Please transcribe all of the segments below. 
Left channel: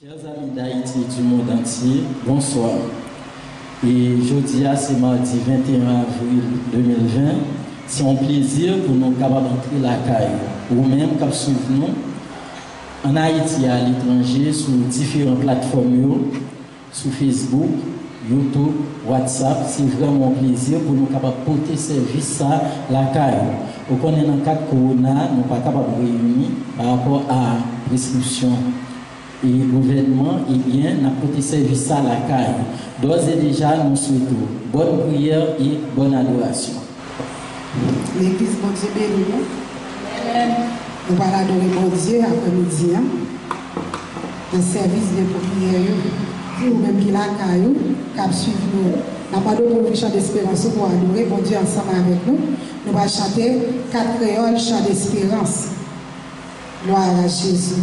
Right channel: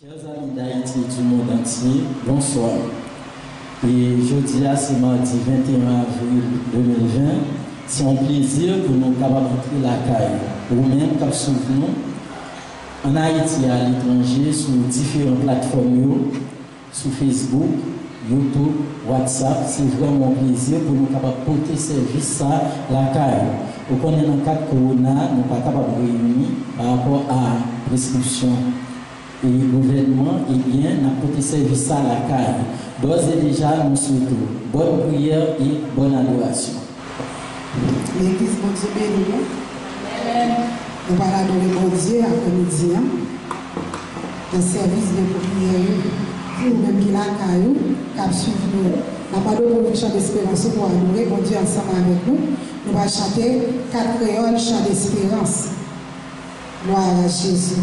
Chers amis d'Haïti et du monde entier, bonsoir. Et jeudi, c'est mardi 21 avril 2020. C'est un plaisir pour nous capables d'entrer la caille. Ou même, comme souvenons, en Haïti et à l'étranger, sur différentes plateformes, sur Facebook, YouTube, WhatsApp, c'est vraiment un plaisir pour nous capables de porter service à la caille. Au qu'on est dans le cas de Corona, nous ne sommes pas capables de réunir par rapport à la prescription. Et le gouvernement, eh bien, n'a porté service à la caille. D'ores et déjà, nous souhaitons bonne prière et bonne adoration. L'église, bon Dieu, béni. Nous allons adorer bon Dieu après-midi. Un service de prière. Nous-mêmes qui la caillou, qui suivre nous. Nous n'avons pas de chant d'espérance pour adorer bon Dieu ensemble avec nous. Nous allons chanter 4 créoles chant d'espérance. Gloire à Jésus.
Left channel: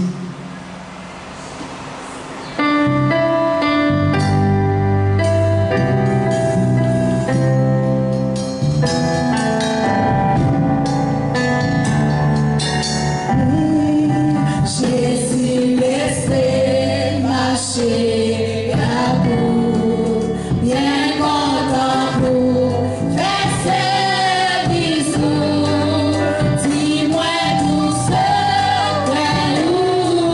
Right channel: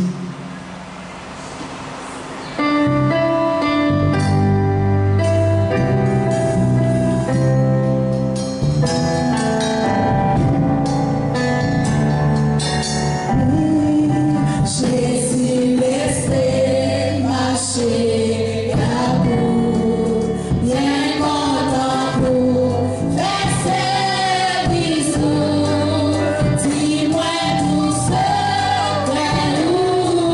Dis-moi tout ce que nous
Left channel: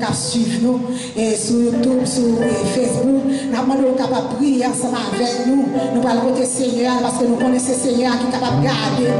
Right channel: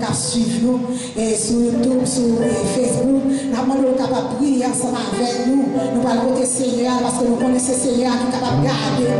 qui suivent nous et sur YouTube, sur Facebook. Nous demandons capable de prier ensemble avec nous. Nous allons côté Seigneur parce que nous connaissons Seigneur qui est capable de garder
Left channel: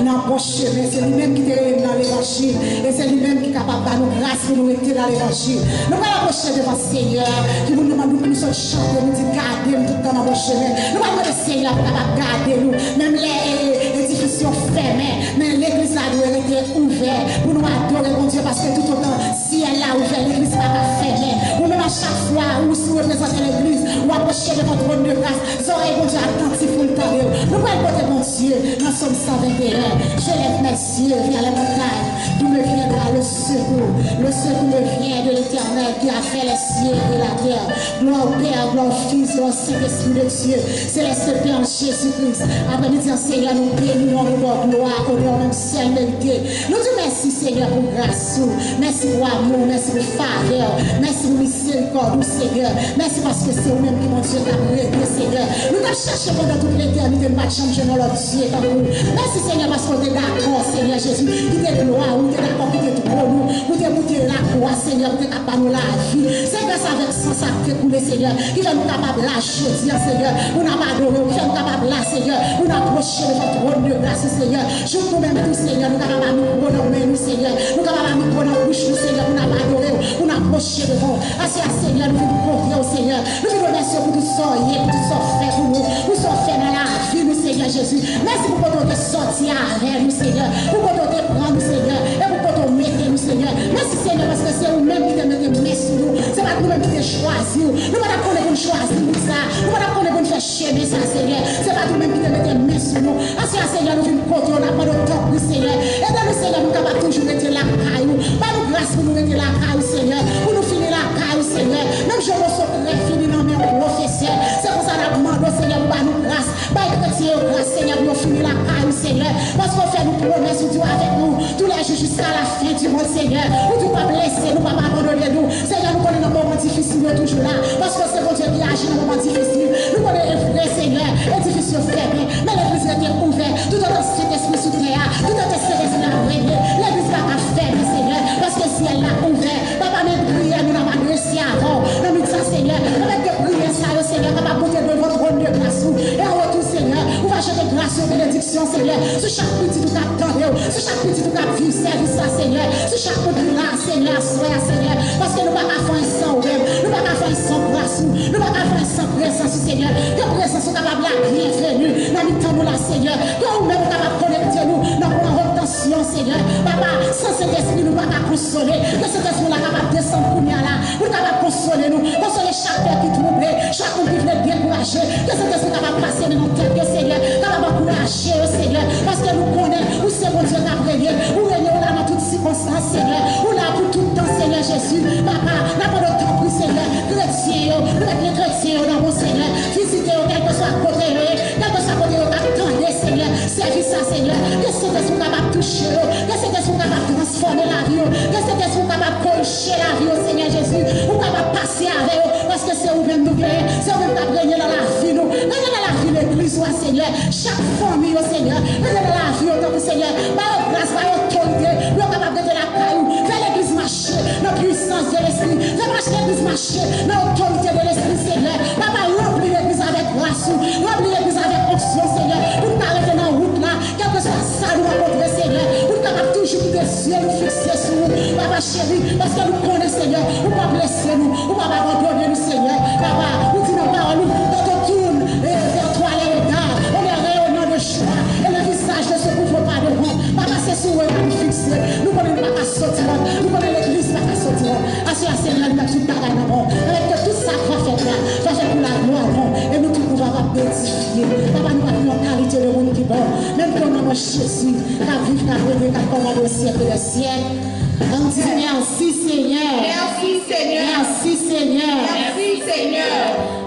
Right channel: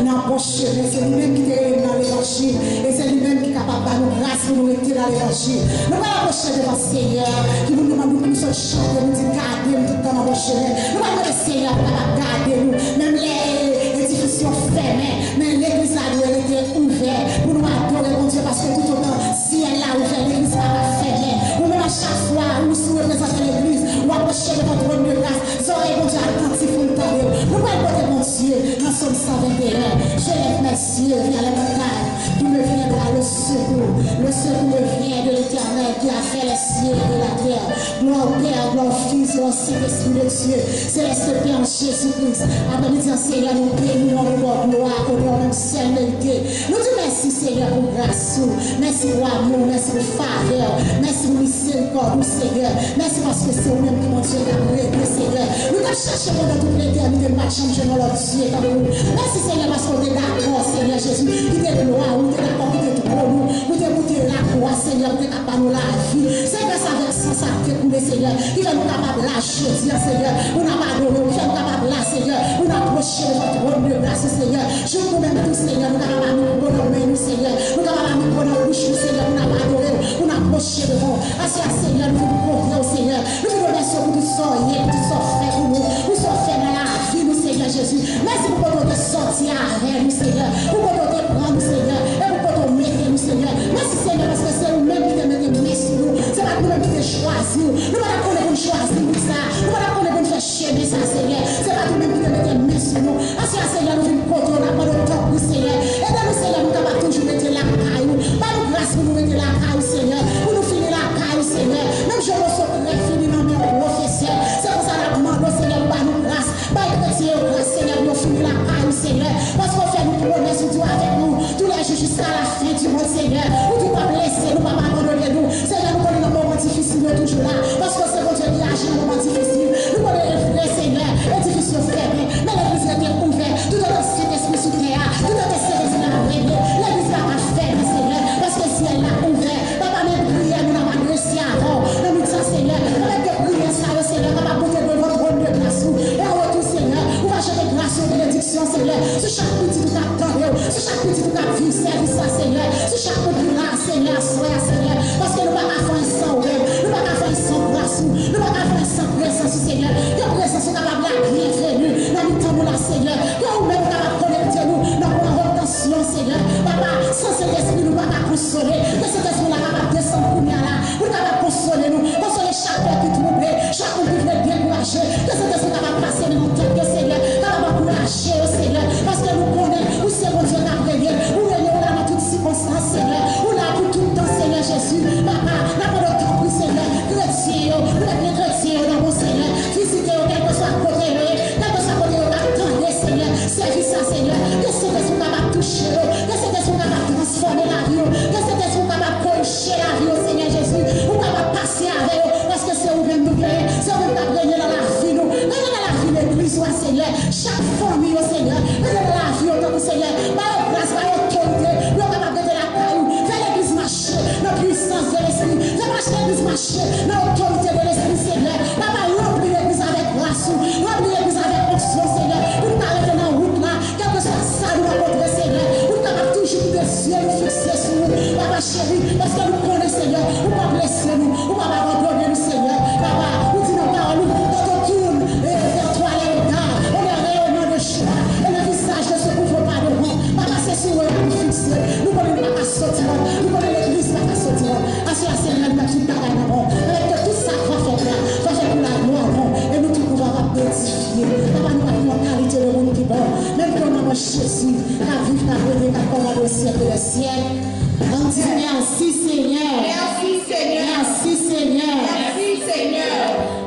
nous dans le chemin. C'est lui-même qui est dans l'évangile et c'est lui-même qui est capable de nous grâce pour nous rester dans l'évangile. Nous allons approcher devant Seigneur qui nous demande que nous sommes chanter, nous dit garder nous tout le temps dans le chemin. Nous allons demander Seigneur pour capable de garder nous, même les institutions fermées, mais l'église a dû être ouverte pour nous adorer mon Dieu parce que tout autant si elle a ouvert l'église va pas fermer. Ou même à chaque fois où vous représentez l'église, ou approchez de votre trône de grâce, vous aurez mon Dieu attentif pour le parler. Nous allons porter mon Dieu dans Somme 121. Je lève mes yeux vers les montagnes, d'où me viendra le secours. Le secours me vient de l'Éternel qui a fait les cieux et la terre. Gloire au Père, gloire au Fils, gloire au Saint-Esprit de Dieu. Céleste Père en Jésus-Christ. Après nous dire Seigneur, nous bénissons notre gloire, honneur, même ciel mérité. Nous disons merci Seigneur pour grâce, merci pour amour, merci pour faveur, merci pour miséricorde, Seigneur. Merci parce que c'est vous-même qui mon Dieu t'a réglé, Seigneur. Nous t'avons cherché pendant toute l'éternité, nous n'avons jamais changé notre Dieu comme nous. Merci Seigneur parce qu'on est d'accord, Seigneur Jésus, qui t'est gloire, nous t'es d'accord, qui t'est pour nous, nous t'es monté la croix, Seigneur, nous t'es capable de la vie. C'est grâce avec ça, ça fait couler, Seigneur, qui fait nous capables de la chose, Seigneur. Nous n'avons pas adoré, nous sommes capables là, Seigneur. Nous n'avons approché de votre trône de grâce, Seigneur. Je nous-mêmes tous, Seigneur, nous n'avons pas nous prononcer, nous, Seigneur. Nous n'avons pas nous prononcer, nous, Seigneur, nous n'avons pas adoré, nous n'avons approché de vous. Assez, Seigneur, nous voulons confier au Seigneur. Nous voulons remercier pour tout ça, pour tout ça fait pour nous, pour tout ça fait dans la vie, nous, Seigneur Jésus. Merci pour qu'on te sortir avec nous, Seigneur. Pour qu'on te prendre, nous, Seigneur. Et pour qu'on te mette, nous, Seigneur. Merci, Seigneur, parce que c'est vous-même qui te mettez sur nous. C'est pas nous-mêmes qui te choisi. Nous ne pas qu'on choisir pour ça. Nous ne pas qu'on faire chier ça, Seigneur. C'est pas nous-mêmes qui te mettez sur nous. Assez, Seigneur, nous venons contre, on n'a pas de temps pour Seigneur. Et dans nous, Seigneur, nous capables toujours mettre la caille. Pas de grâce pour nous mettre la caille, Seigneur. Pour nous finir la caille, Seigneur. Même je me sauverai, fini dans mes professeurs. C'est pour ça que nous demandons, Seigneur, pour nous grâce. Pas de chrétien, grâce, Seigneur, pour nous finir la caille, Seigneur. Parce qu'on fait nous promesses, nous avec nous. Tous les jours jusqu'à la fin du monde, Seigneur. Nous ne pas blesser, nous ne pas abandonner nous. Seigneur, nous connaissons nos moments difficiles, nous toujours là. Parce que c'est mon Dieu qui agit dans nos moments difficiles. Nous connaissons les vrais, Seigneur, les difficiles fermés. Mais l'église est ouverte. Tout en Saint-Esprit sous terre. Tout en Saint-Esprit a régné. L'église va pas fermer, Seigneur. Parce que si elle l'a ouvert, papa, même prière, nous n'avons pas réussi avant. Nous nous disons, Seigneur, nous avons que prier ça, Seigneur, papa, monter de votre trône de grâce. Et en retour, Seigneur, vous va jeter grâce et bénédiction, Seigneur. Sur chaque petit tout attendez, sur chaque petit tout vivre, service ça, Seigneur. Sur chaque petit là, Seigneur, sois, Seigneur. Parce que nous ne pouvons pas faire sans rêve. Nous ne pouvons pas faire sans grâce. Nous ne pouvons pas faire sans présence, Seigneur. Que présence est capable de bienvenue. Dans le temps, nous là, Seigneur. Que nous-mêmes, nous capable de connecter nous. Dans la retention, Seigneur. Papa, sans cet esprit, nous ne pouvons pas consoler. Que cet esprit là capable de descendre pour nous là. Nous capable de consoler nous. Consoler chaque père qui trouble, chaque homme qui vient décourager. Que cet esprit capable de passer dans notre tête, Seigneur. Capable d'encourager, Seigneur. Parce que nous connaissons où c'est mon Dieu qui a régné. Où régner là dans toutes circonstances, Seigneur. Où là pour tout le temps, Seigneur Jésus. Papa, n'a pas de temps pour Seigneur. Chrétien, nous êtes les chrétiens dans mon Seigneur. Visitez, quel que soit côté, quel que soit côté, attendez, Seigneur. Service ça, Seigneur. Que cet esprit capable de toucher, que cet esprit capable de transformer la vie, que cet esprit capable de corriger la vie, Seigneur Jésus. Ou capable de passer avec eux, parce que c'est vous-même nous gagner, c'est vous-même qui gagner dans la vie, nous. Gagner dans la vie, l'église, Seigneur. Chaque famille, Seigneur. Gagner dans la vie, autant que Seigneur. Par grâce, par autorité, nous sommes capables de la caillou. Fais l'église marcher, dans la puissance de l'esprit. Fais marcher l'église marcher, dans l'autorité de l'esprit, Seigneur. Papa, remplis l'église avec grâce, remplis l'église avec onction, Seigneur. Pour nous arrêter dans la route là, quel que soit ça, nous rencontrer, Seigneur. Pour nous capables toujours de ciel, nous fixer sur nous. Papa chéri, parce que nous connaissons, Seigneur. Nous ne pas blesser nous, nous ne pas abandonner nous, Seigneur. Papa, nous disons nos paroles, quand on tourne vers toi les regards, on est rayonnant de choix. Et le visage ne se couvre pas de vous. Papa, c'est sur eux que nous fixer. Nous connaissons pas qu'à sortir, nous connaissons l'église pas qu'à sortir. Assis à Seigneur, nous avons tout pareil avant. Avec que tout ça va faire là, va faire pour la gloire avant. Et nous tout pouvons identifier. Papa, nous avons une qualité de monde qui est bon. Même que nous avons Jésus, qu'à vivre, qu'à régner, qu'à commander au siècle des siècles. On dit merci Seigneur. Merci Seigneur. Merci Seigneur. Merci Seigneur.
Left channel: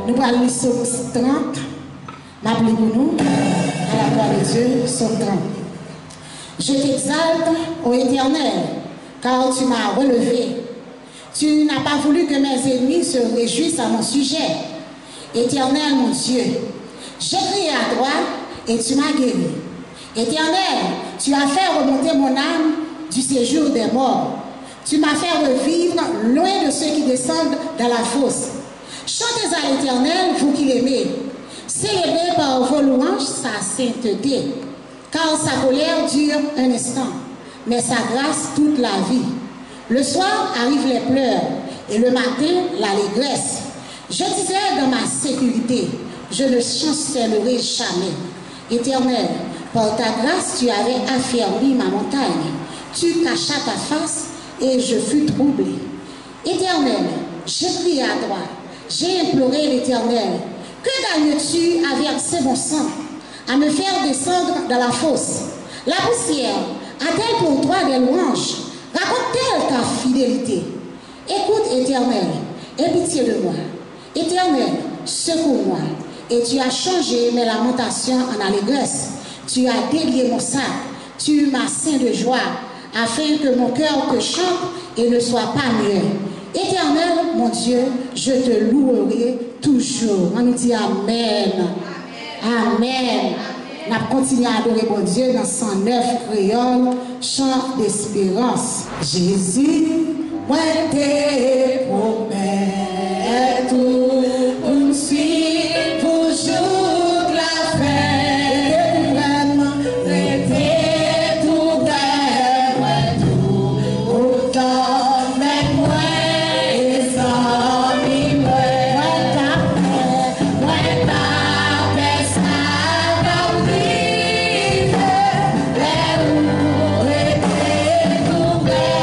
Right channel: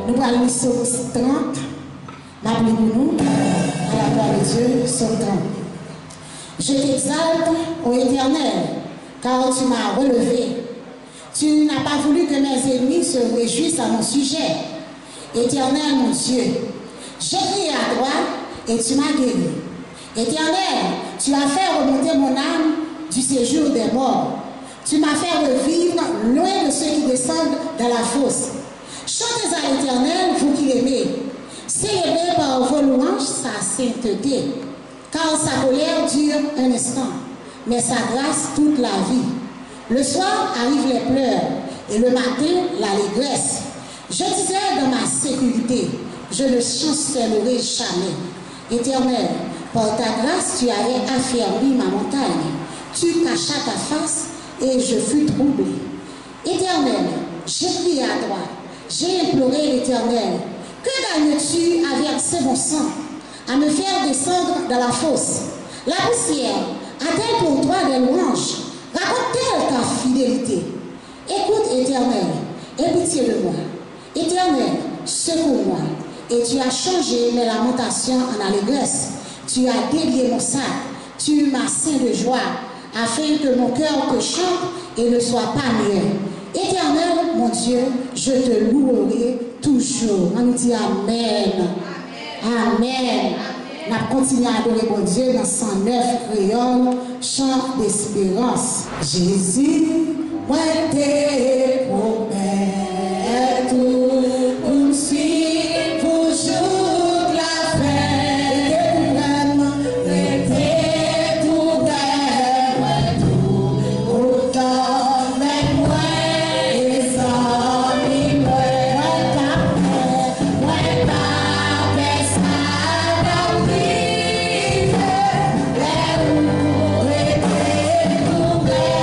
Nous allons lire Psaume 30. N'appelez pour nous à la gloire de Dieu, Psaume 30. Je t'exalte, ô Éternel, car tu m'as relevé. Tu n'as pas voulu que mes ennemis se réjouissent à mon sujet. Éternel, mon Dieu, j'ai crié à toi et tu m'as guéri. Éternel, tu as fait remonter mon âme du séjour des morts. Tu m'as fait revivre loin de ceux qui descendent dans la fosse. Chantez à l'Éternel, vous qui l'aimez. Célébrez par vos louanges sa sainteté, car sa colère dure un instant, mais sa grâce toute la vie. Le soir arrivent les pleurs, et le matin l'allégresse. Je disais dans ma sécurité, je ne chancellerai jamais. Éternel, par ta grâce, tu avais affermi ma montagne. Tu cachas ta face et je fus troublé. Éternel, j'ai crié à toi, j'ai imploré l'Éternel. Que gagnes-tu à verser mon sang, à me faire descendre dans la fosse? La poussière a-t-elle pour toi des louanges? Raconte-t-elle ta fidélité? Écoute, Éternel, aie pitié de moi. Éternel, secours-moi. Et tu as changé mes lamentations en allégresse. Tu as délié mon sac. Tu m'as ceint de joie, afin que mon cœur te chante et ne soit pas muet. Éternel, mon Dieu, je te louerai toujours. On nous dit Amen. Amen. On a continué à adorer mon Dieu dans 109 créole, chant d'espérance. Jésus, moi t'es promets tout pour me suivre pour jour de la fin. C'était tout vrai, tout autant mais moi les amis moi ta paix ça dans vie les où était tout vrai.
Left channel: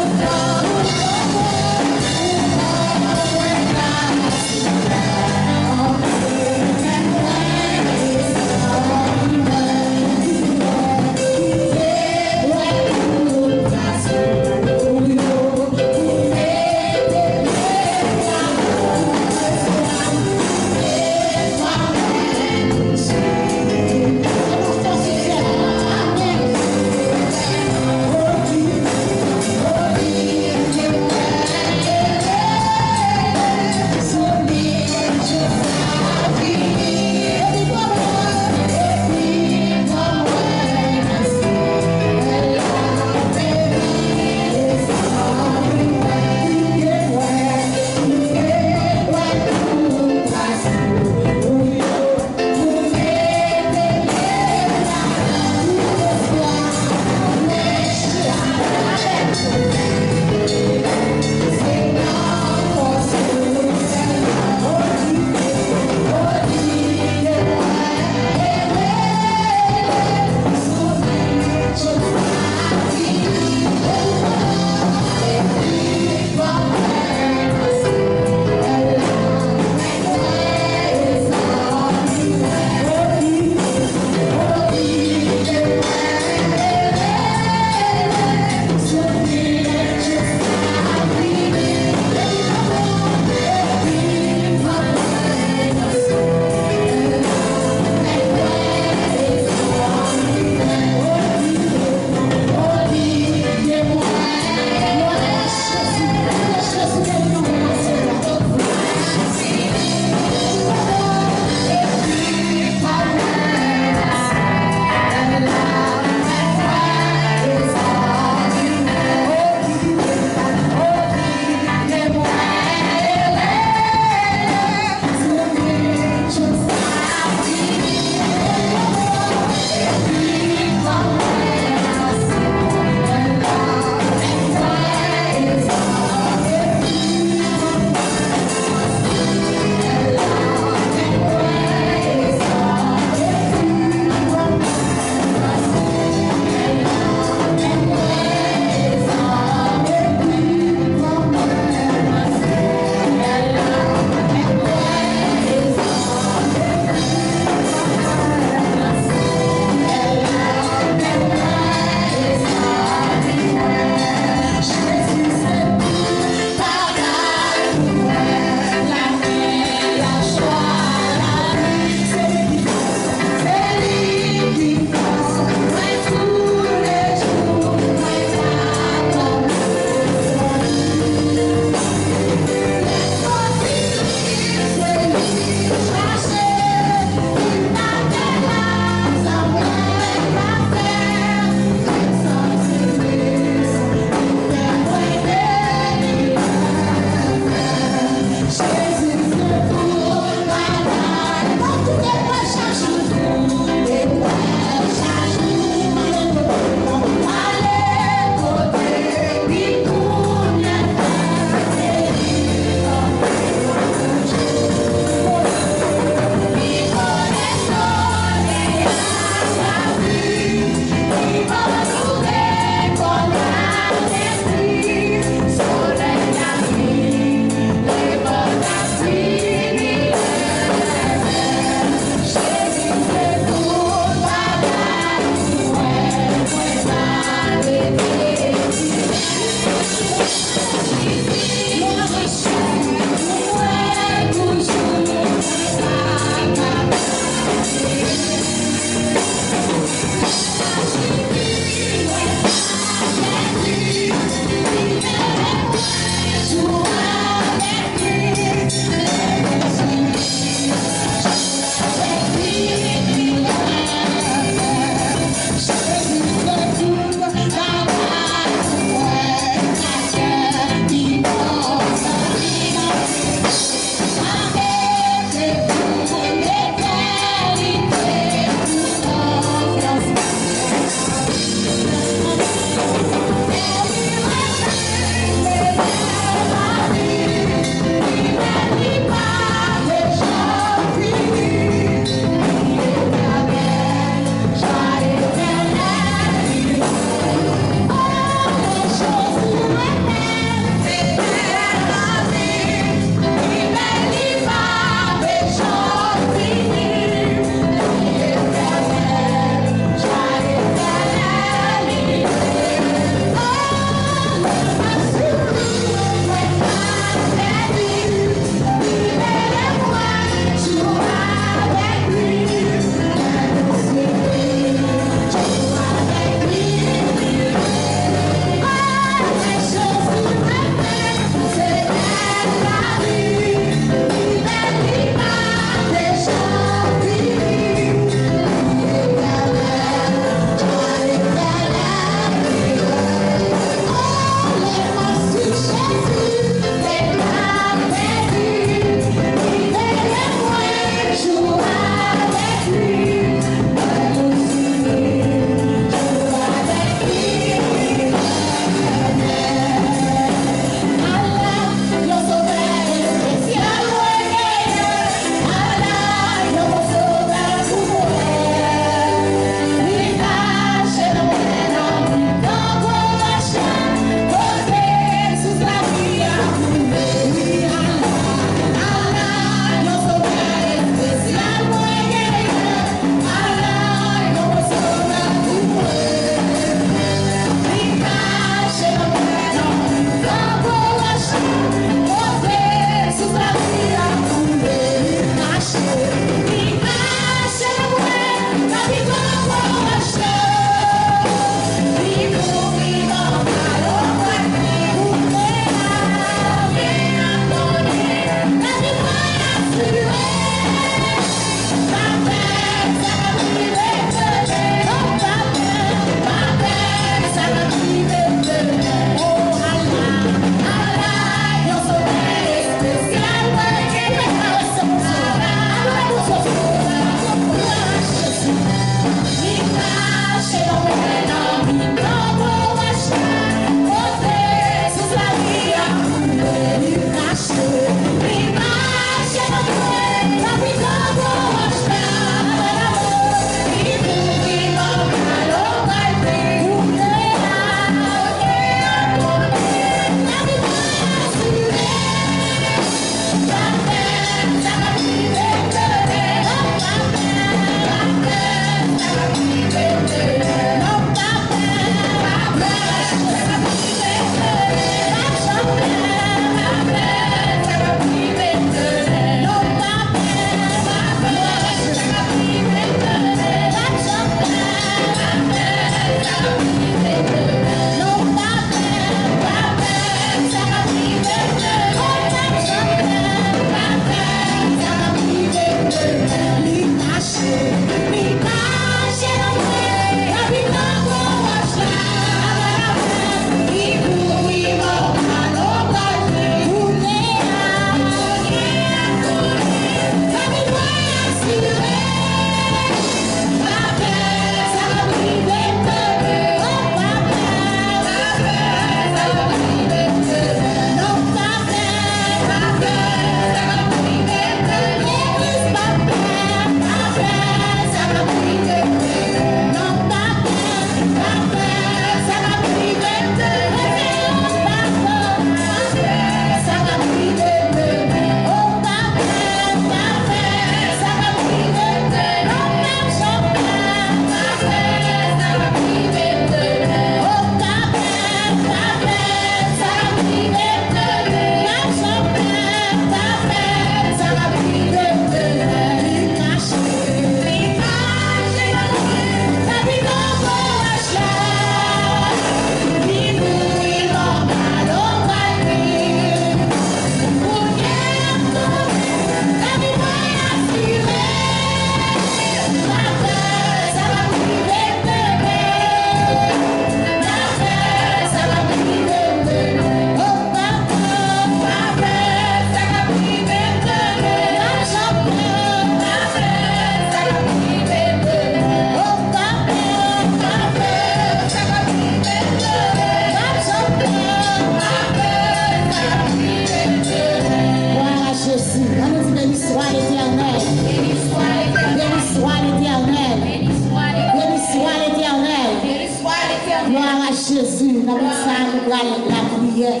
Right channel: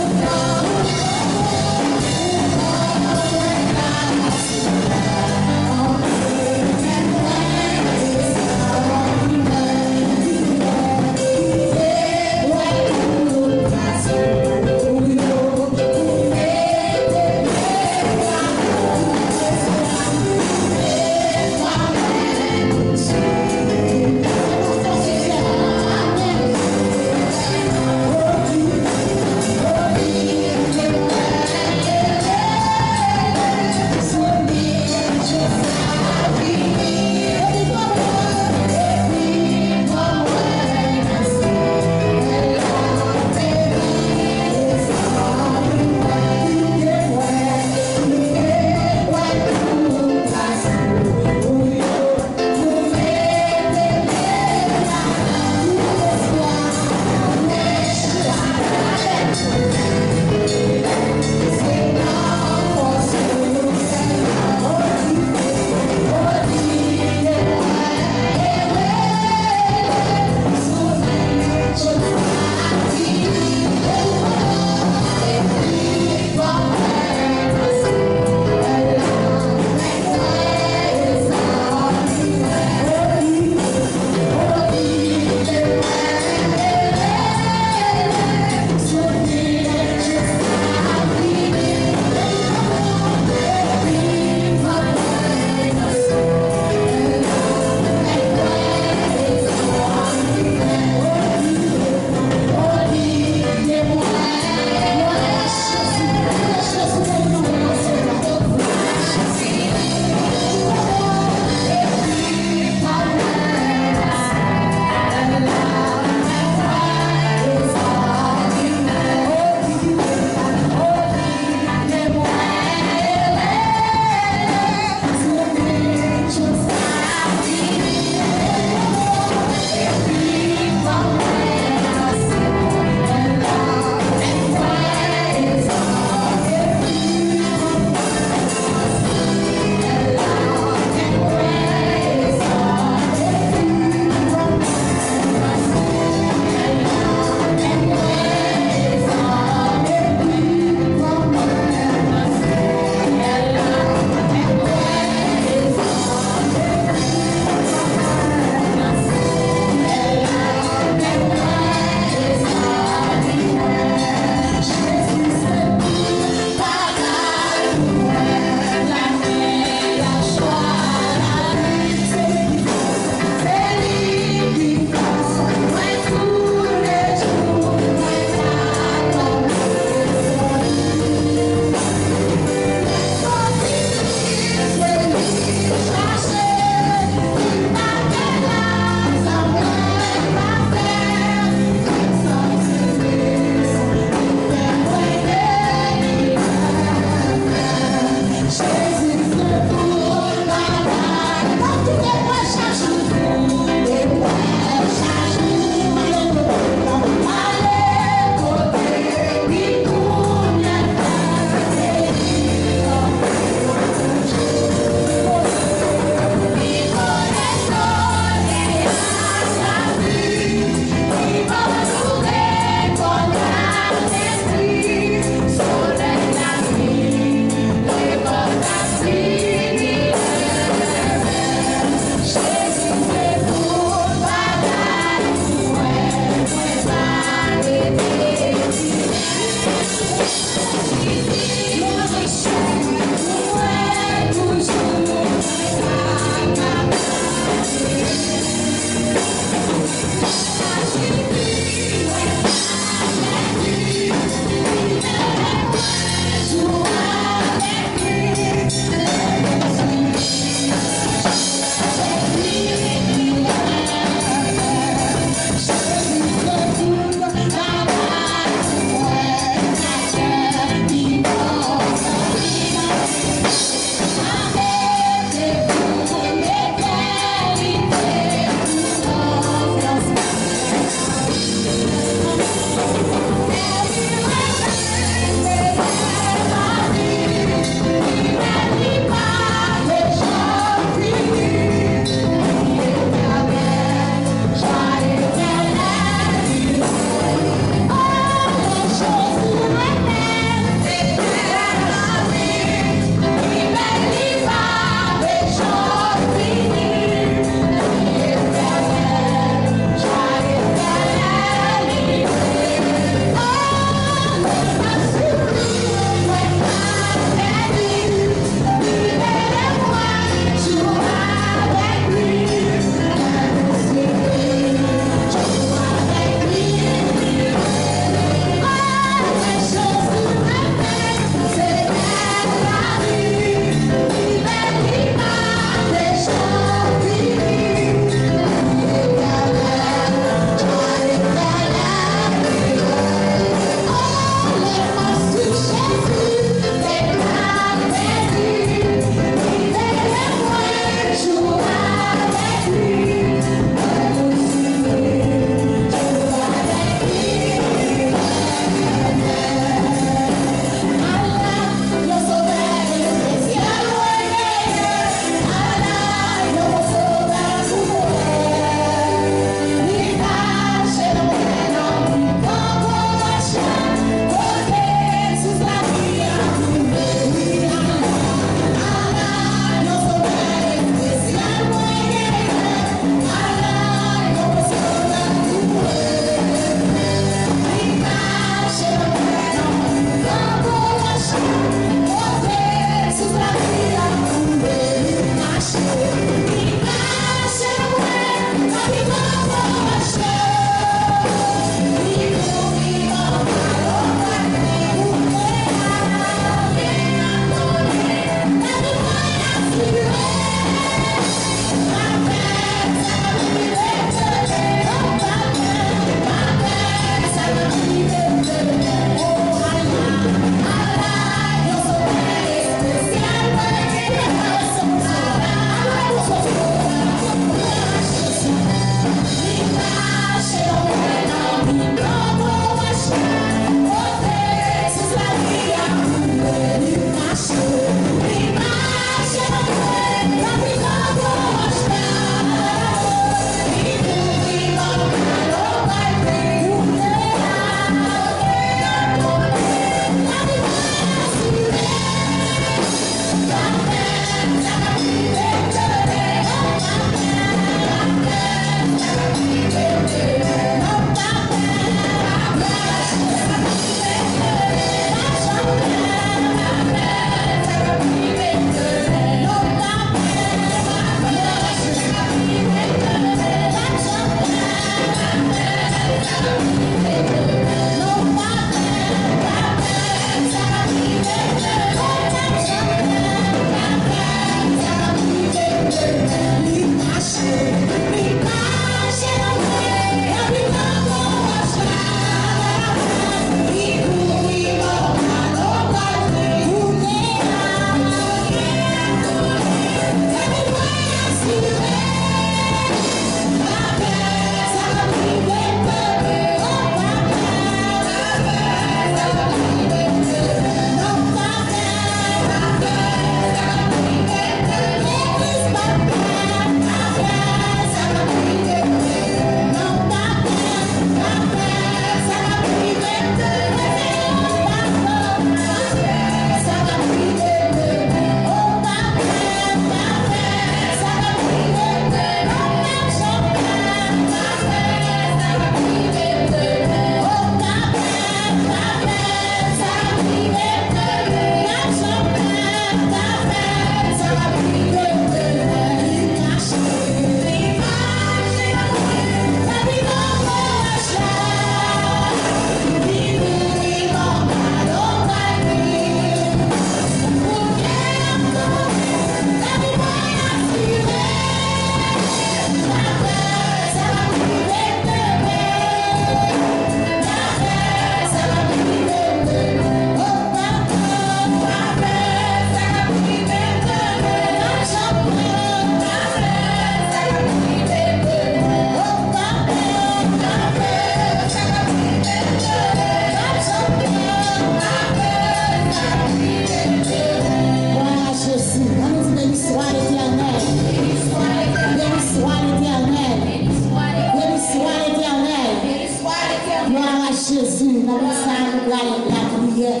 Jésus, dans le sang, nous allons la prière.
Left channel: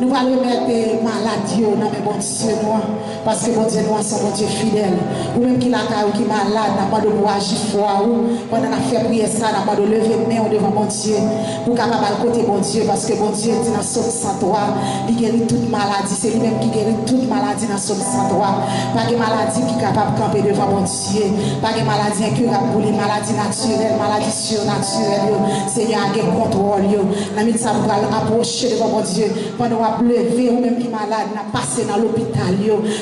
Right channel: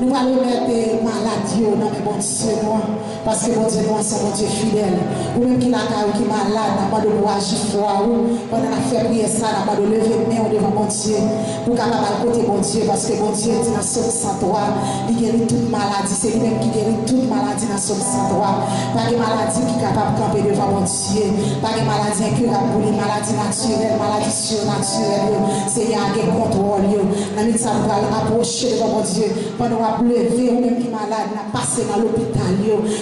Nous allons mettre maladie dans le bon Dieu, parce que bon Dieu, nous sommes bon Dieu fidèle. Ou même qui l'a qui malade, n'a pas de agir fort. Pendant la fait prier ça, n'a pas de lever main devant bon Dieu. Pour capable à côté bon Dieu, parce que bon Dieu dit dans Somme 103, il guérit toute maladie. C'est lui-même qui guérit toute maladie dans Somme 103. Pas de maladie qui est capable de camper devant bon Dieu. Pas de maladie incurable pour les maladies naturelles, maladies surnaturelles. C'est y a un contrôle. Dans le ça, nous allons approcher devant bon Dieu. Pendant lever ou même qui malade, n'a passé dans l'hôpital,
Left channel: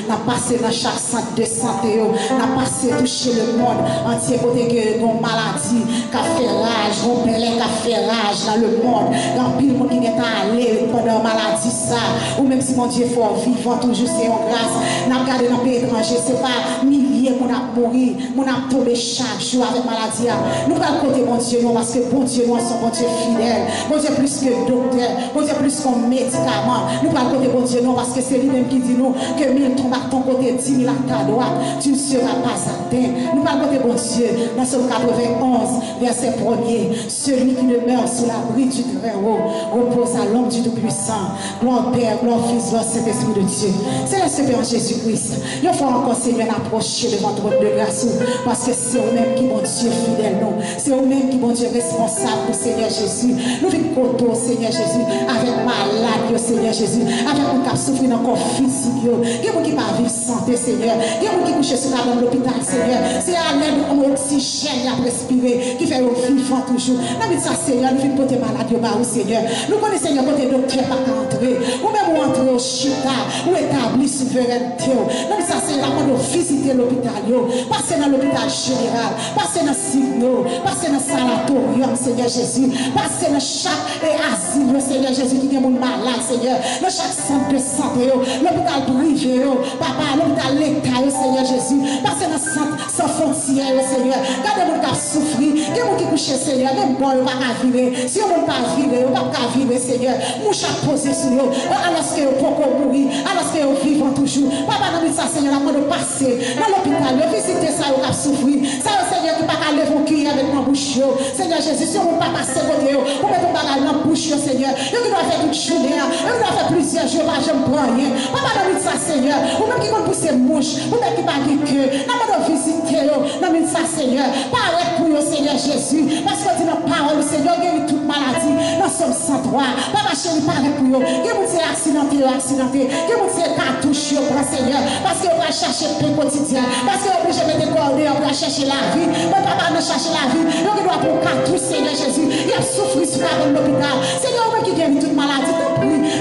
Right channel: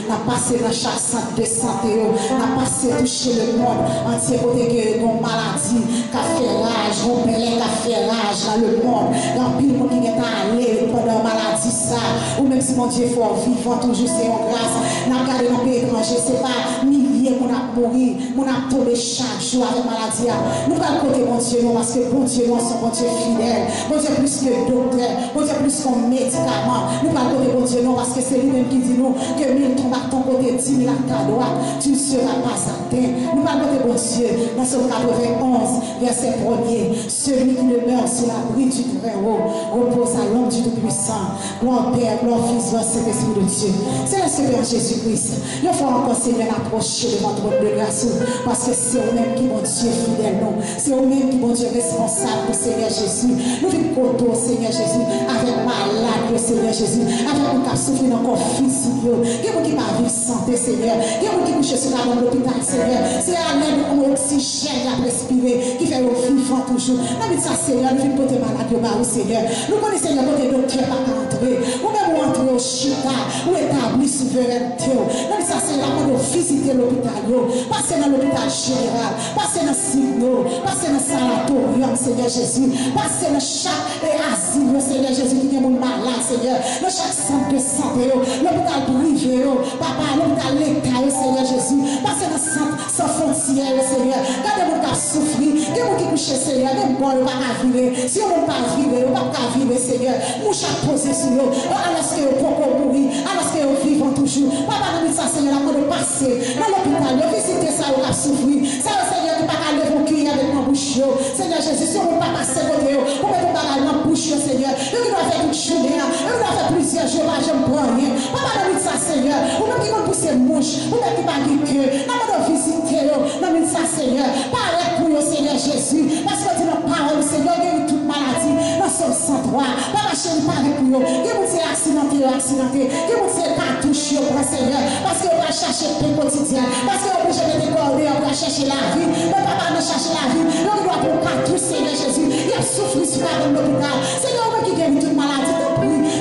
n'a passé dans chaque centre de santé, n'a passé toucher le monde entier pour que nos maladies, qui fait rage, nos belles qui fait rage dans le monde, dans pile monde qui est allé pendant maladie ça, ou même si mon Dieu fort vivant toujours c'est en grâce, n'a regardé dans le pays étranger, c'est pas milliers qu'on a mouru, qu'on a tombé chaque jour avec maladie. Nous allons côté mon Dieu, parce que bon Dieu, nous sommes bon Dieu fidèle, bon Dieu plus que docteur, bon Dieu plus qu'un médicament. Nous parlons côté bon Dieu, non, parce que c'est lui-même qui dit nous que 1000 tombent à ton côté, 10 000 à ta droite, tu ne seras pas atteint. Nous parlons côté bon Dieu, dans Somme 91, verset 1er, celui qui demeure sous l'abri du Très-Haut repose à l'ombre du Tout-Puissant. Gloire au Père, gloire au Fils, gloire au Saint-Esprit de Dieu. C'est le Seigneur Jésus-Christ. Il faut encore Seigneur approcher devant ton de grâce, parce que c'est eux-mêmes qui bon Dieu fidèle, non. C'est eux-mêmes qui bon Dieu responsable pour Seigneur Jésus. Nous vivons côté Seigneur Jésus, avec malade, Seigneur Jésus, avec nous qui souffrent dans le corps physique, il y a des gens qui ne vivent santé, Seigneur, il y a des gens qui couchent sur l'hôpital, Seigneur, c'est à l'aide de l'oxygène à respirer qui fait vivre toujours. Nous disons ça, Seigneur, nous vivons côté malade, Seigneur. Nous connaissons, Seigneur, côté docteur pas entrer, ou même entrer au chita, ou établir souveraineté. Nous disons ça, Seigneur, nous visiter l'hôpital, passer dans l'hôpital général, passer dans Signo, passer dans sanatorium, Seigneur Jésus, passer dans chaque asile, Seigneur Jésus, qui est mon malade, Seigneur, dans chaque centre de santé, l'hôpital privé, papa, l'hôpital l'État, Seigneur Jésus, parce que dans centre sans frontières, Seigneur, quand les gens qui souffrent, quand les gens qui couchent, Seigneur, les gens ne vont pas vivre, si on ne peut pas vivre, on ne peut pas vivre, Seigneur, mouche à poser sur eux, alors qu'ils vont mourir, alors qu'ils vivent toujours, papa, nous dit ça, Seigneur, avant de passer dans l'hôpital, de visiter ça, on a souffrir, ça, Seigneur, qui ne peut pas lever mon cuir avec mon bouche, Seigneur Jésus, si on ne peut pas passer côté, on met ton bagage dans la bouche, Seigneur, et qui doit faire toute journée, et qui doit faire plusieurs jours, je ne prends rien. Papa, nous dit ça, Seigneur, ou même qui vont pousser mouche, ou même qui va dire que, nous allons visiter, nous dit ça, Seigneur, parlez pour eux, Seigneur Jésus, parce que dit dans la parole, Seigneur, guérit toute maladie, dans Somme 103, papa, chérie, parlez pour eux, qui vous dit accidenté, qui vous dit cartouche, Seigneur, parce que vous va chercher le pain quotidien, parce que vous obligez de décoller, on va chercher la vie, mais papa, nous chercher la vie, donc il doit pour cartouche, Seigneur Jésus, il a souffert sur l'hôpital, Seigneur, qui guérit toute maladie,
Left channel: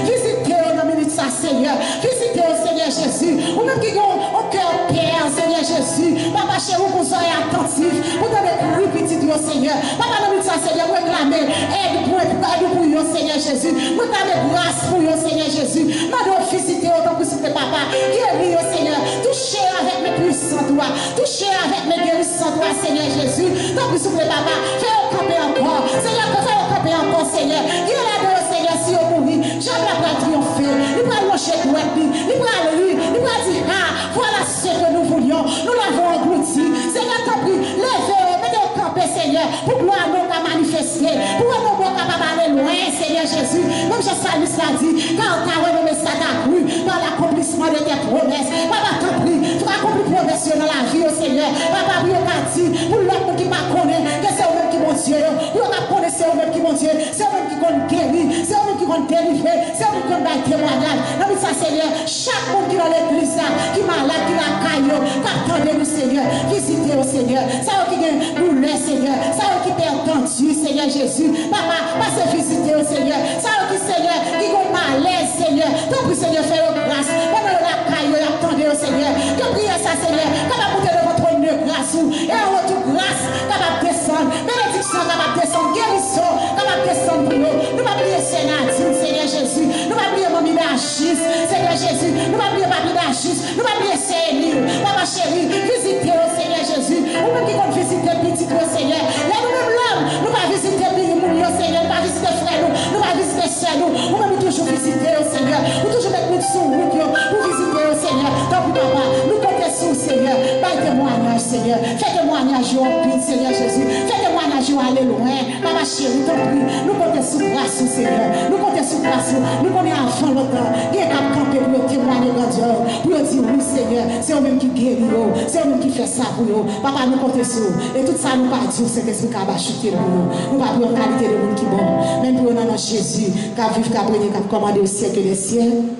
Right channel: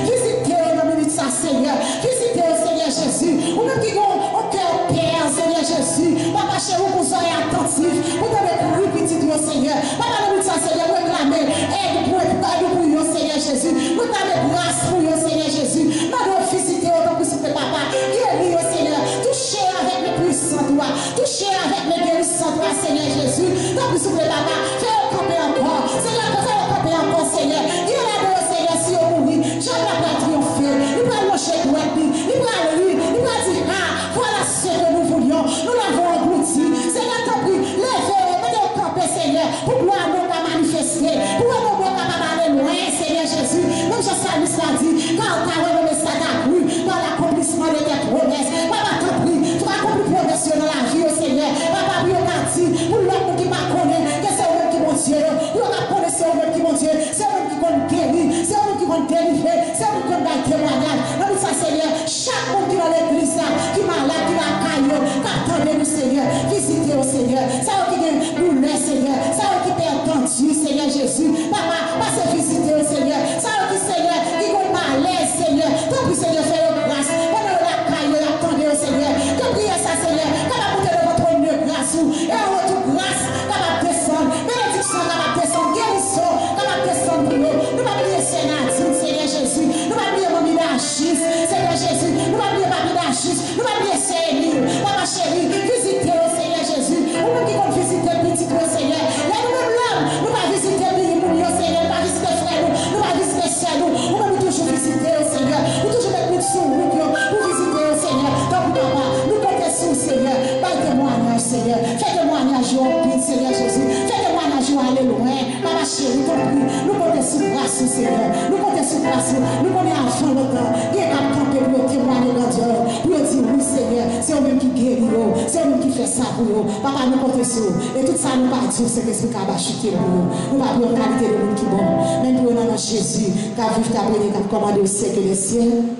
visitez dans minute ça, Seigneur. Visitez au Seigneur Jésus. Ou même qui ont au cœur Père, Seigneur Jésus. Papa, chez vous, vous soyez attentifs. Vous devez prier petit au Seigneur. Papa, dans minute ça, Seigneur, vous réclamez aide pour vous, Seigneur Jésus. Vous avez grâce pour vous, Seigneur Jésus. Nous devons visiter autant que c'était papa. Guéris au Seigneur. Touchez avec mes puissants doigts. Touchez avec mes guérissants doigts, Seigneur Jésus. Tant que soufflez, papa. Fais-le camper encore. Seigneur, fais-le camper encore, Seigneur. Guéris, Seigneur, si on mourit. J'aimerais pas triompher. Il va loger droite. Il va lire. Il va dire, ah, voilà ce que nous voulions. Nous l'avons englouti. Seigneur, t'as pris. Levez, mettez au camper, Seigneur. Pour gloire nous pas manifester. Pour nous pas aller loin, Seigneur Jésus. Même Jean-Salis l'a dit. Quand tu as renommé ça t'a cru. Dans l'accomplissement de tes promesses. Papa, t'as pris. Tu vas accomplir promesses dans la vie, Seigneur. Papa, oui, pour l'homme qui m'a connu. Que c'est eux qui m'ont Dieu. Pour l'homme qui connaît, c'est eux qui m'ont Dieu. C'est eux qui m'ont guéri. C'est eux qui m'ont délivré. C'est eux qui m'ont témoignage. Non, mais ça, Seigneur, chaque monde qui est dans l'église, qui est malade, qui est dans la caille, qui attendait le Seigneur, visitez au Seigneur. Ça, qui est douleur, Seigneur. Ça, qui est perdu, Seigneur Jésus. Papa, passez visiter au Seigneur. Ça, qui, Seigneur, qui est malaise, Seigneur. Tant pis, Seigneur, fais-le grâce. Pendant la caille, attendez au Seigneur. Que priez ça, Seigneur. Capable de monter devant votre grâce. Et en retour, grâce, capable de descendre. Bénédiction, capable de descendre. Guérison, capable de descendre pour nous. Nous va prier Sénatine, Seigneur Jésus. Nous va prier Mamie d'Achis, Seigneur Jésus. Nous va prier Mamie d'Achis. Nous va prier Céline. Papa chérie, visitez au Seigneur Jésus. Nous même qui vont visiter petit au Seigneur. Là, nous même l'homme, nous va visiter au Seigneur. Nous va visiter frère nous. Nous va visiter soeur nous. Nous même toujours visiter au Seigneur. Nous toujours mettre nous sous route pour visiter au Seigneur. Donc, papa, nous comptons sur le Seigneur. Fais témoignage, Seigneur. Fais témoignage au pire, Seigneur Jésus. Fais témoignage au aller loin. Papa chérie, t'en prie. Nous comptons sous grâce, Seigneur. Nous comptons sous grâce. Nous connaissons avant le temps. Il y a qu'à camper pour témoigner de Dieu. Pour dire oui, Seigneur. C'est eux-mêmes qui guérit. C'est eux-mêmes qui fait ça pour nous. Papa, nous comptons sur. Et tout ça, nous pas dire c'est qu'est-ce qui va chuter pour nous. Nous pas pour une qualité de monde qui bon. Même pour nous, Jésus, qui a vécu, qui a brûlé, qui a commandé au siècle des siècles.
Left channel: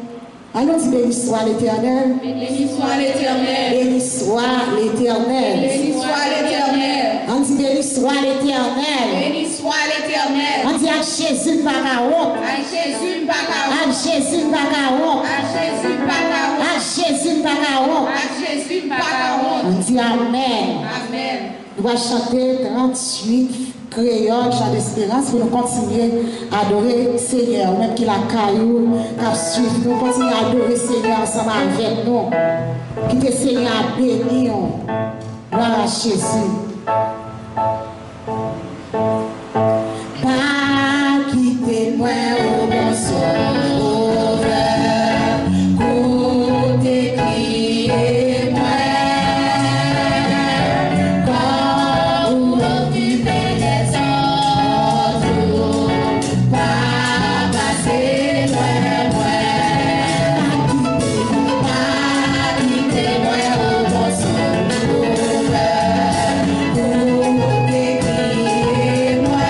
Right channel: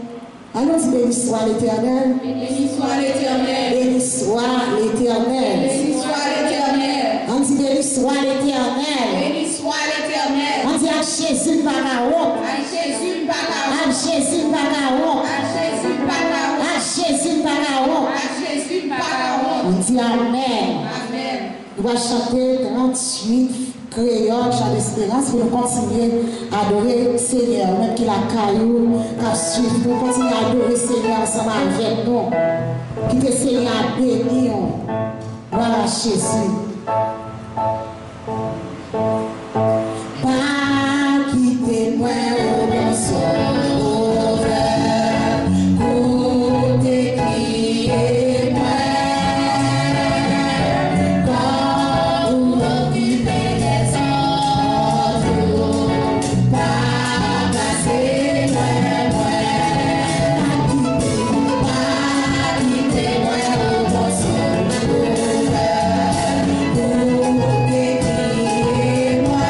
Allons dire béni soit l'Éternel. Béni soit l'Éternel. Béni soit l'Éternel. Béni soit l'Éternel. On dit béni soit l'Éternel. Béni soit l'Éternel. On dit à Jésus Bagaon. À Jésus Bagaon. À Jésus Bagaon. À Jésus Bagaon. À Jésus Bagaon. À Jésus Bagaon. On dit Amen. Amen. On va chanter 38 créoles, chant d'espérance, pour nous continuer à adorer le Seigneur, même qu'il a caillou, qu'à suivre, nous continuer à adorer le Seigneur ensemble avec nous. Qui que Seigneur a béni. Gloire à Jésus. Pas quitter moi au bon sauveur, côté qui est moi. Quand vous occupez les autres, pas passer loin, pas quitter moi au bon sauveur, côté qui est moi.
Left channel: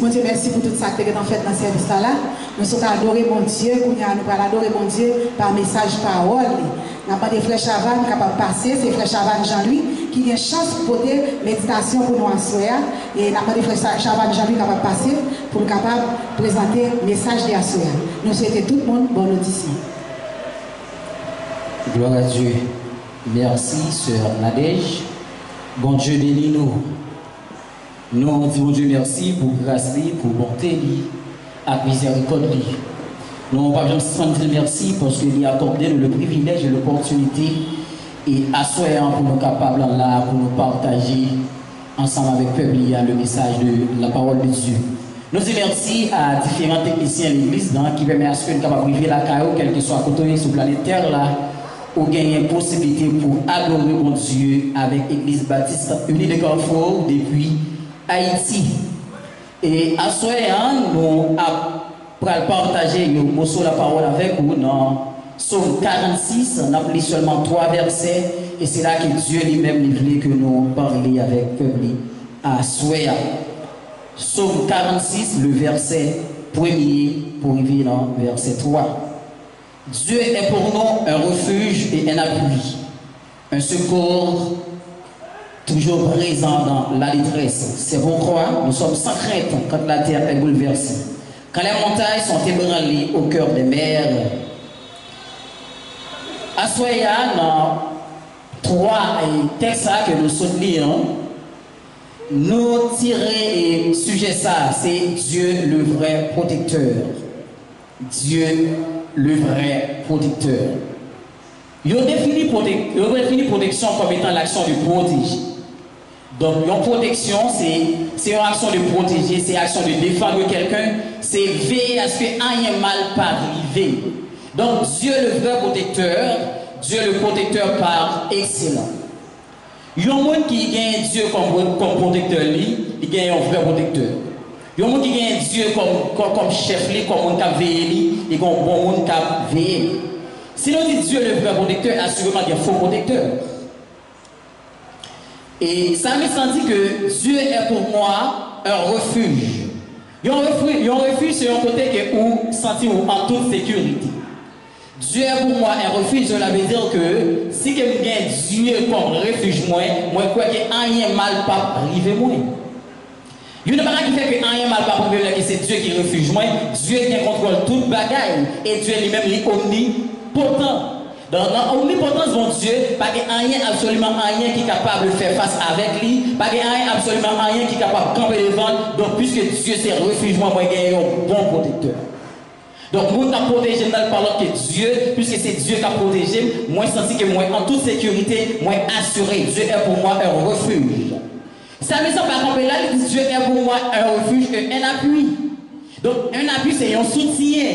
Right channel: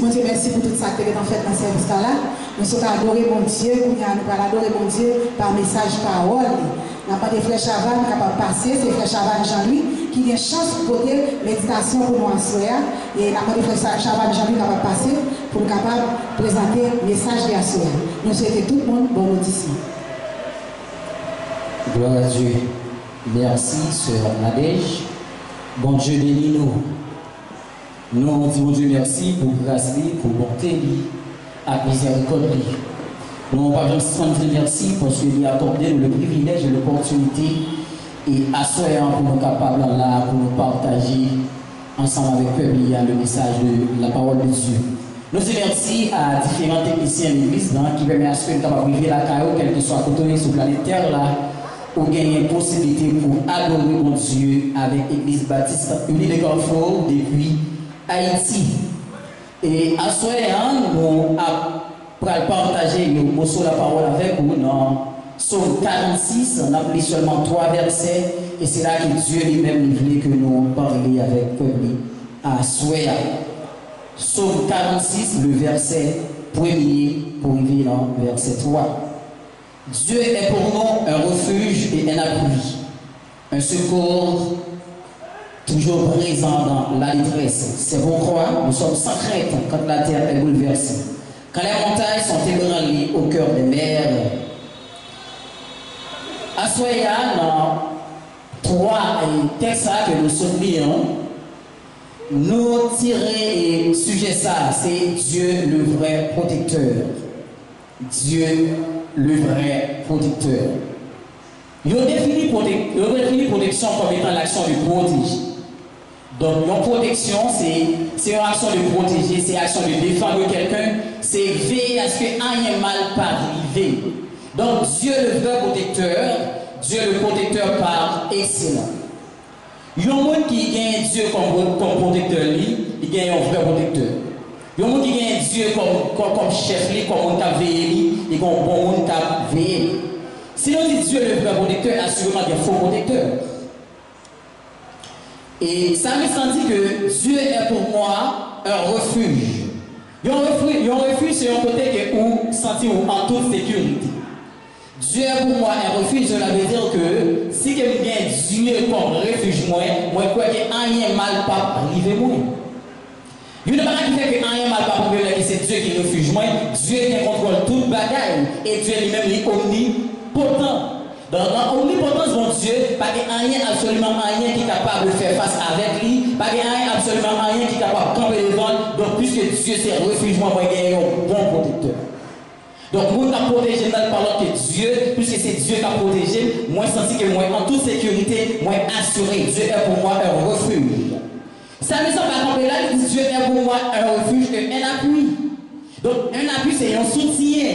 dis, mon Dieu, merci pour tout ça que tu as fait dans ce service-là. Nous sommes adorés, mon Dieu, nous allons adorer, mon Dieu, par message, parole. Nous avons des flèches avant capables de passer, c'est flèches avant Jean-Louis, qui a une chance pour porter méditation pour nous en soya. Et nous avons des flèches avant Jean-Louis capables de passer pour nous capables de présenter le message de la soya. Nous souhaitons tout le monde bonne audition. Gloire à Dieu. Merci, sœur Nadège. Bon Dieu, bénis-nous. Nous disons Dieu merci pour grâce, pour bonté, à miséricorde. Nous ne pouvons pas dire merci parce qu'il a accordé le privilège et l'opportunité et assoyant pour nous capables là, pour nous partager ensemble avec le peuple le message de la parole de Dieu. Nous disons merci à différents techniciens de l'église qui permettent à ce que nous puissions vivre la caillou, quel que soit côté sur la planète Terre là, ou gagner une possibilité pour adorer mon Dieu avec l'église baptiste unie de Carrefour depuis Haïti. Et à ce moment, nous allons partager le mot sur la parole avec vous dans Psaume 46. On a pris seulement 3 versets et c'est là que Dieu lui-même voulait que nous parlions avec le peuple à Soya. Psaume 46, le verset 1er pour arriver dans verset 3. Dieu est pour nous un refuge et un appui, un secours toujours présent dans la détresse. C'est pourquoi nous sommes sans crainte quand la terre est bouleversée, quand les montagnes sont ébranlées au cœur des mers. Assoya, dans 3 textes que nous soutenons, nous tirer sujet ça, c'est Dieu le vrai protecteur. Dieu le vrai protecteur. Il a défini protection comme étant l'action de protéger. Donc, une protection, c'est une action de protéger, c'est une action de défendre quelqu'un, c'est veiller à ce que rien mal pas arriver. Donc, Dieu le vrai protecteur, Dieu le protecteur par excellence. Il y a un monde qui gagne Dieu comme protecteur, il gagne un vrai protecteur. Il y a un monde qui gagne Dieu comme chef, comme monde qui veille, et comme bon monde qui veille. Si on dit Dieu le vrai protecteur, assurément il y a un faux protecteur. Et ça me sentit que Dieu est pour moi un refuge. Il y a un refuge sur un côté où sentir en toute sécurité. Dieu est pour moi un refuge, cela veut dire que si quelqu'un Dieu comme refuge, moi crois que rien mal pas arriver moi. Il n'y a pas qui fait que rien mal pas arriver que c'est Dieu qui refuge moi. Dieu qui contrôle toute bagaille et Dieu lui-même est omnipotent. Dans l'omnipotence de Dieu, pas rien, absolument rien qui est capable de faire face avec lui, pas rien, absolument rien qui est capable de camper devant. Donc, puisque Dieu c'est refuge, moi, j'ai un bon protecteur. Donc, moi, je protégé dans le parlant que Dieu, puisque c'est Dieu qui a protégé, moi, je sens que moi, en toute sécurité, moi, assuré, Dieu est pour moi un refuge. Ça me semble pas camper là, Dieu est pour moi un refuge et un appui. Donc, un appui, c'est un soutien.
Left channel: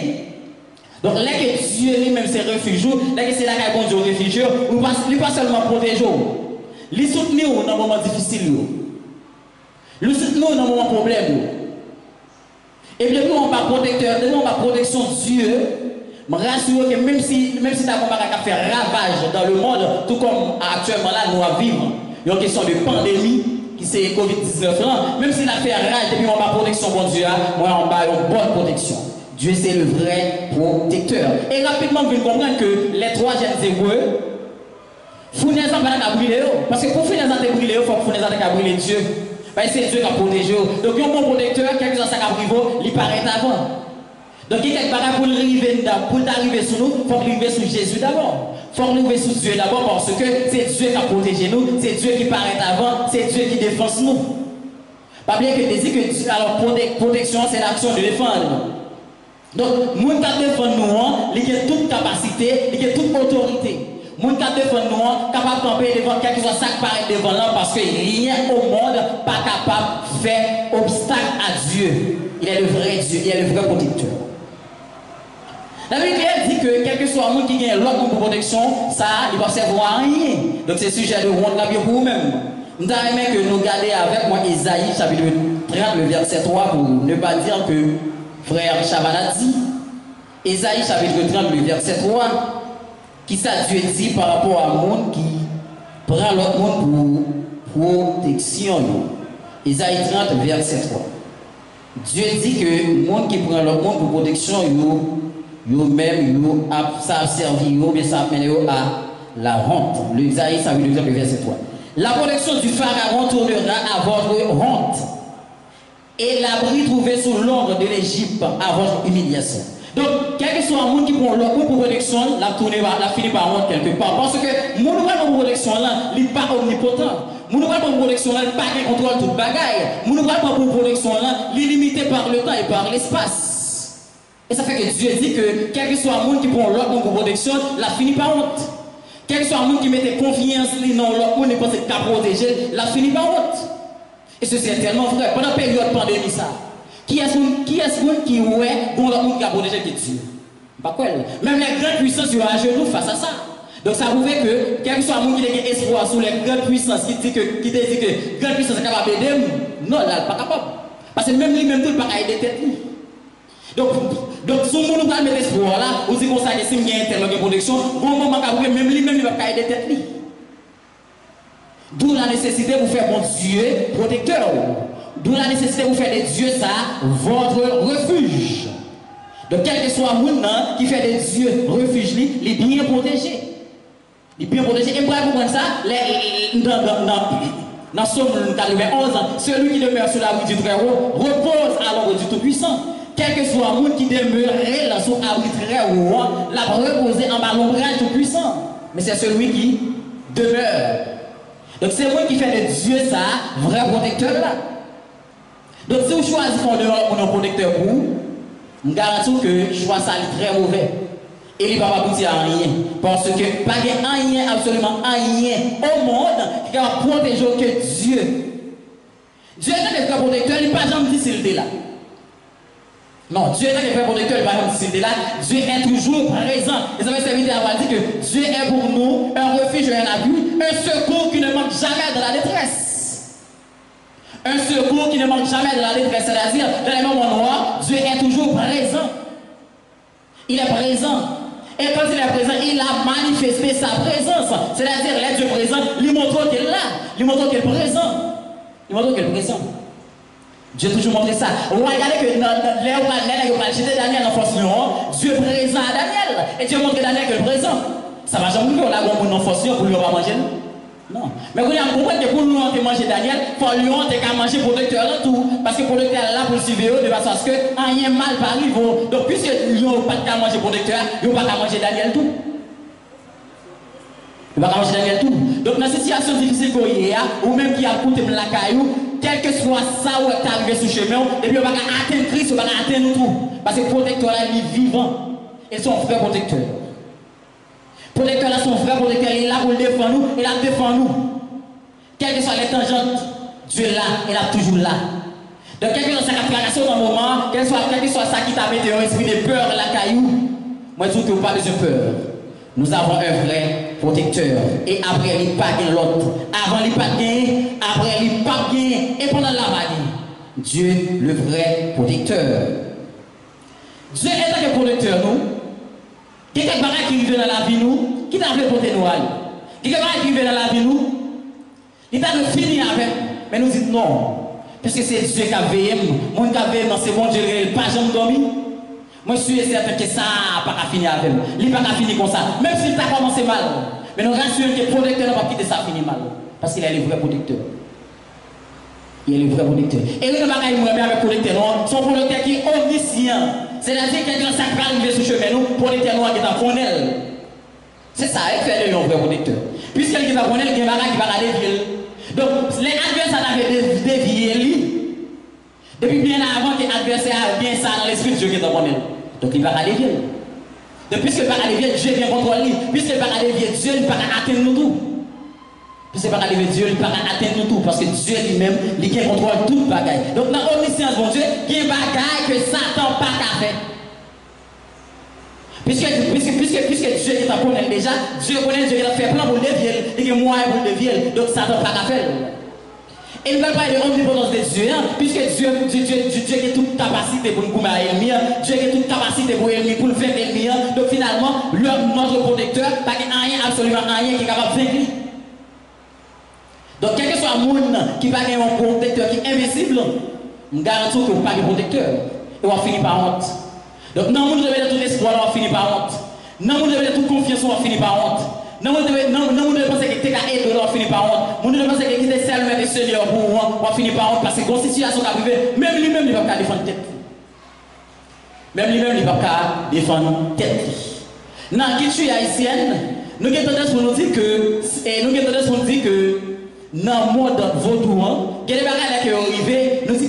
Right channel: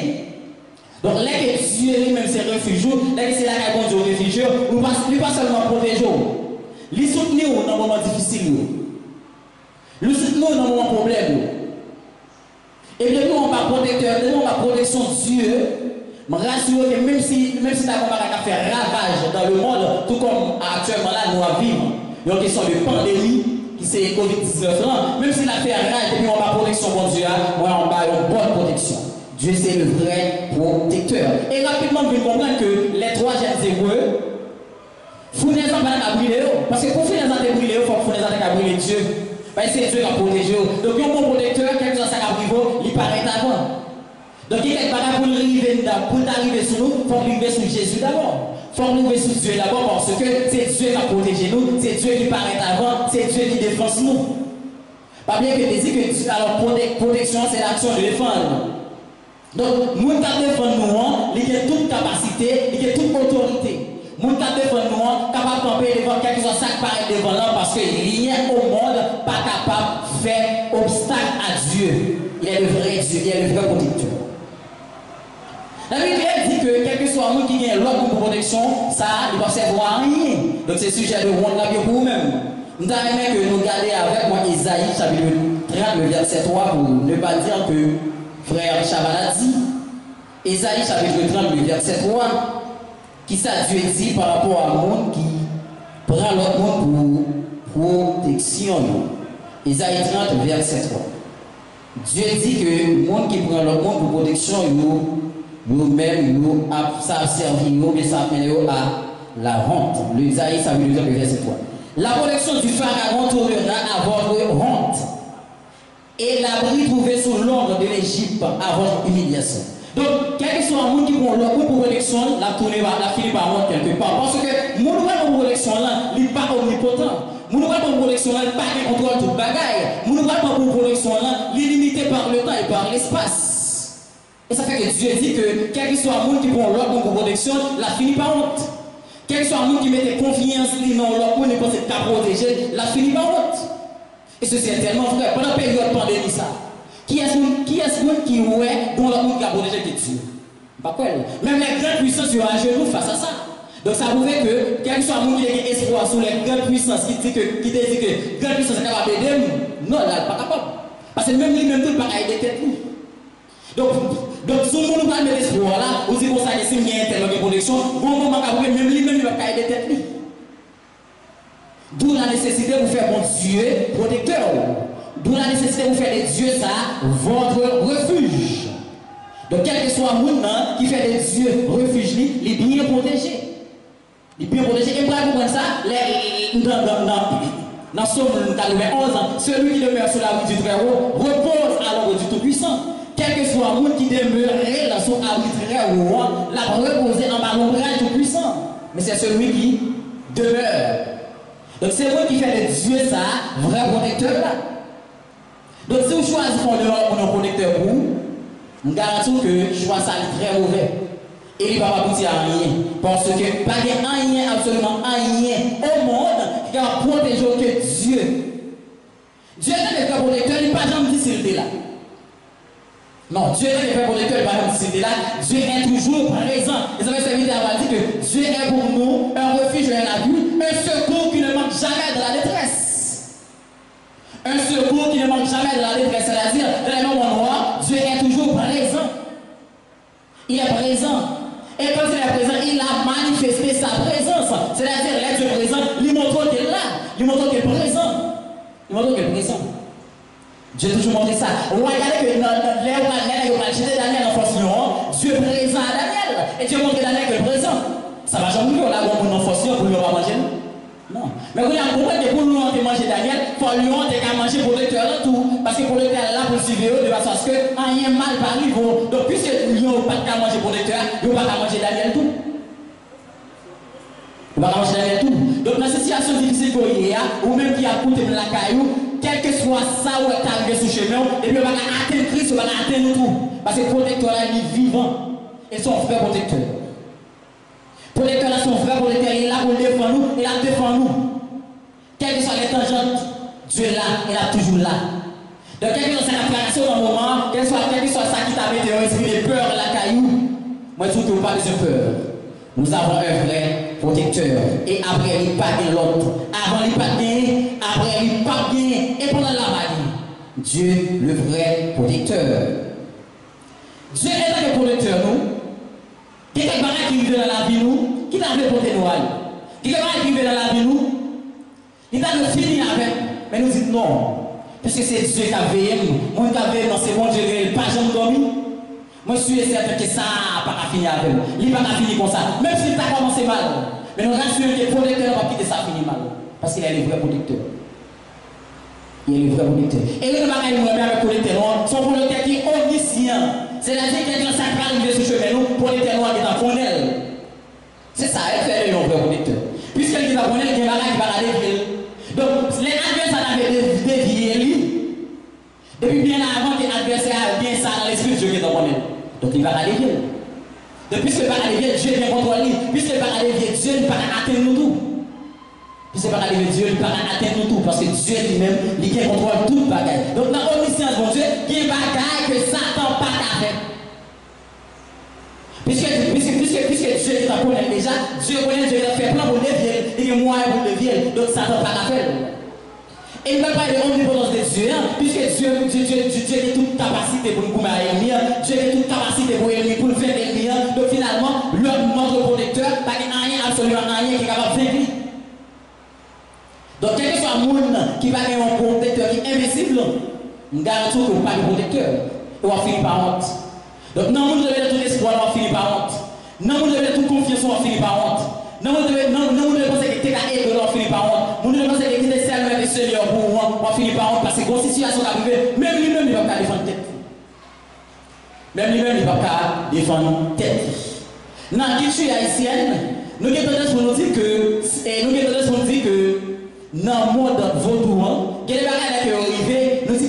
Donc, là que Dieu lui-même c'est refuge, là que c'est là qu'il y a bon Dieu refuge, il ne pas seulement protéger, il soutenir dans un moment difficile, il soutenir dans un moment problème. Et puis, nous, on va protecteur, nous, on va protection de Dieu. Je me rassure que même si tu as fait ravage dans le monde, tout comme actuellement là, nous vivons, il y a une question de pandémie, qui c'est Covid-19, même s'il a fait rage, et puis on va protection, bon Dieu, moi, on va une bonne protection. Dieu, c'est le vrai protecteur. Et rapidement, vous comprendre que les 3 jeunes hébreux, fournissent à brûler. Parce que pour finir à brûler, il faut fournir à brûler Dieu. Parce que c'est Dieu qui a protégé. Donc, un bon protecteur, quelque chose à brûler, il paraît avant. Donc, il y a quelque chose pour arriver sur nous, il faut arriver sur Jésus d'abord. Il faut arriver sur Dieu d'abord parce que c'est Dieu qui a protégé nous, c'est Dieu qui paraît avant, c'est Dieu qui défend nous. Pas bien que tu dis que alors, protection, c'est l'action de défendre. Donc, moun ka défendre nous, il a toute capacité, il a toute autorité. Moun ka défendre nous, capable de camper devant quelque chose qui paraît devant là parce que rien au monde pas capable de faire obstacle à Dieu. Il est le vrai Dieu, il est le vrai protecteur. La Bible dit que quel que soit monde qui gagne l'autre pour protection, ça, il ne va servir à rien. Donc, c'est sujet de rendre la vie pour vous-même. Nous avons aimé que nous gardions avec moi Isaïe, chapitre 30, le verset 3, pour ne pas dire que frère Chaban a dit, Isaïe chapitre 30, le verset 3, qui ça Dieu dit par rapport à un monde qui prend l'autre monde pour protection. Isaïe 30, verset 3. Dieu dit que le monde qui prend le monde pour protection, eux-mêmes, ça servi, mais ça mène à la honte. L'Isaïe, ça veut dire le verset 3. La protection du pharaon tournera à votre honte, et l'abri trouvé sous l'ombre de l'Égypte à votre humiliation. Donc, quel que soit un monde qui prend le coup pour protection, la finit par honte quelque part. Parce que le monde pour protection, il n'est pas omnipotent. Le monde pour protection, il n'est pas qui contrôle toute bagaille. Le monde pour protection, il est limité par le temps et par l'espace. Et ça fait que Dieu dit que quel que soit un monde qui prend l'autre pour protection, la finit par honte. Quel que soit un monde qui mette confiance dans l'autre pour ne pas se protéger, la finit par honte. Et ceci est tellement vrai. Pendant la période de pandémie, ça. Qui est-ce qui est dont le monde qui a protégé Dieu? Pas quoi. Même les grandes puissances sont à genoux face à ça. Donc ça prouve que quel que soit un monde qui a espoir sur les grandes puissances qui dit que les grandes puissances sont capables d'aider, non, là, pas capable. Parce que même lui-même tout pas aider tête. Donc si on nous met l'espoir là, on dit qu'on ça que si il y a un tel de protection, bon moment même lui-même il va pas aider tête. D'où la nécessité de vous faire mon Dieu protecteur. D'où la nécessité de vous faire des dieux ça, votre refuge. Donc quel que soit le monde qui fait des dieux refuge, il est bien protégé. Il est bien protégé. Et pour comprendre ça, dans Somme 91, celui qui demeure sur la rue du Très-Haut repose à l'ombre du Tout-Puissant. Quel que soit le monde qui demeurerait là sur la rue du Très-Haut, l'a reposé en bas l'ombrage du Tout-Puissant. Mais c'est celui qui demeure. Donc c'est moi qui fait des dieux ça, vrai protecteur là. Donc si vous choisissez qu'on dehors pour nos protecteurs pour vous, je garantis que le choix ça est très mauvais. Et il ne va pas aboutir à rien. Parce que pas de rien, absolument rien au monde qui va protéger que Dieu. Dieu est un vrai protecteur, il n'est pas jamais dit s'il est là. Non, Dieu est un vrai protecteur, il n'est pas jamais dit s'il est là. Dieu est toujours présent. Et ça veut servir à dire que Dieu est pour nous un refuge et un abri, un secours qui ne manque jamais de la détresse. Un secours qui ne manque jamais de la détresse, c'est-à-dire, dans les moments noirs, Dieu est toujours présent. Il est présent. Et quand il est présent, il a manifesté sa présence. C'est-à-dire, l'être Dieu présent, il montre qu'il est là. Il montre qu'il est présent. Il montre qu'il est présent. Dieu a toujours montré ça. Regardez que Daniel en force, Dieu est présent à Daniel. Et Dieu montre que Daniel est présent. Ça va jamais qu'on a un force pour lui manger. Non. Mais vous comprenez que pour nous manger Daniel, il faut lui manger protecteur là tout. Parce que protecteur est là pour le suivre de façon à ce que rien mal va arriver. Donc puisque lui n'a pas de manger protecteur, il n'a pas de manger Daniel tout. Il ne va pas manger Daniel tout. Donc dans cette situation difficile qu'on y a, ou même qui a coûté la caillou, quel que soit ça où est arrivé sur le chemin, et puis on va atteindre Christ, on va atteindre tout. Parce que le protecteur là, il est vivant. Ils sont frères protecteurs. Protecteur là, son frère protecteur, il est là pour le défendre nous, il a défendu nous. Quelles que soient les tangentes, Dieu est là, il est toujours là. Donc, quelle que soit sa fracassion dans le moment, quel que soit ça qui t'a mis un esprit de peur, la caillou, moi je dis que vous parlez de peur. Nous avons un vrai protecteur. Et après, il n'y a pas l'autre. Avant, il n'y a pas gagné. Après, il n'y a pas gagné. Et pendant la maladie, Dieu, le vrai protecteur. Dieu est un protecteur, nous. Quelqu'un qui vit dans la vie, nous, qui t'a fait porter nous. Quelqu'un qui vit dans la vie, nous, il t'a de finir avec. Mais nous disons non. Parce que c'est Dieu qui a veillé. Moi, qui a veillé, non, c'est bon Dieu, il n'a pas jamais dormi. Moi, je suis certain que ça n'a pas fini avec lui. Il n'a pas fini comme ça. Même s'il a commencé mal. Mais nous rassurons que le protecteur n'a pas quitter ça fini mal. Parce qu'il est le vrai protecteur. Il est le vrai protecteur. Et il n'a pas avec le protecteur. Son protecteur qui est omniscient. C'est-à-dire que quelqu'un qui va arriver sur le chemin, nous, protecteur noir qui est en connaît. C'est ça, il fait le vrai protecteur. Puisqu'il est en connaît, il y a un qui va aller ville. Donc, les adversaires avaient dévié lui. Depuis bien avant que l'adversaire a bien ça dans l'esprit de Dieu qui est en connaît. Donc il va aller bien. Donc puisqu'il va aller bien, Dieu vient contre lui. Puisqu'il va aller bien, Dieu ne va pas atteindre nous tout. Puisqu'il va aller bien, Dieu ne va pas atteindre nous tout. Parce que Dieu lui-même, il vient contrôler toute bagaille. Donc dans l'omniscience, mon Dieu, il y a une bagaille que Satan n'a pas qu'à faire. Puisque Dieu est en connaît déjà, Dieu connaît, Dieu a fait plein pour le dévier. Il y a moyen pour le dévier. Donc Satan n'a pas qu'à faire. Et il ne va pas de l'omnipotence de Dieu, puisque Dieu a toute capacité pour nous commettre l'ennemi, Dieu a toute capacité pour l'ennemi, pour le faire l'ennemi. Donc finalement, notre protecteur, pas rien, absolument rien qui est capable de vaincre. Donc quel que soit le monde qui va avoir un protecteur qui est invincible, je garantis que vous pas de protecteur. Et on va finir par honte. Donc, non, vous devez tout espoir, on va finir par honte. Non, vous devez toute confiance, on va finir par honte. Non, vous devez penser que tu as aidé, on va finir par honte. Vous devez penser que tu es seulement des seigneurs pour vous, on va finir par honte. Parce que quand situation est arrivée, même lui-même, il ne va pas défendre tête. Même lui-même, il ne va pas défendre tête. Dans la culture haïtienne, nous avons tendance pour nous dire que dans le monde vaudou, il y a des bagages qui sont arrivés, nous disons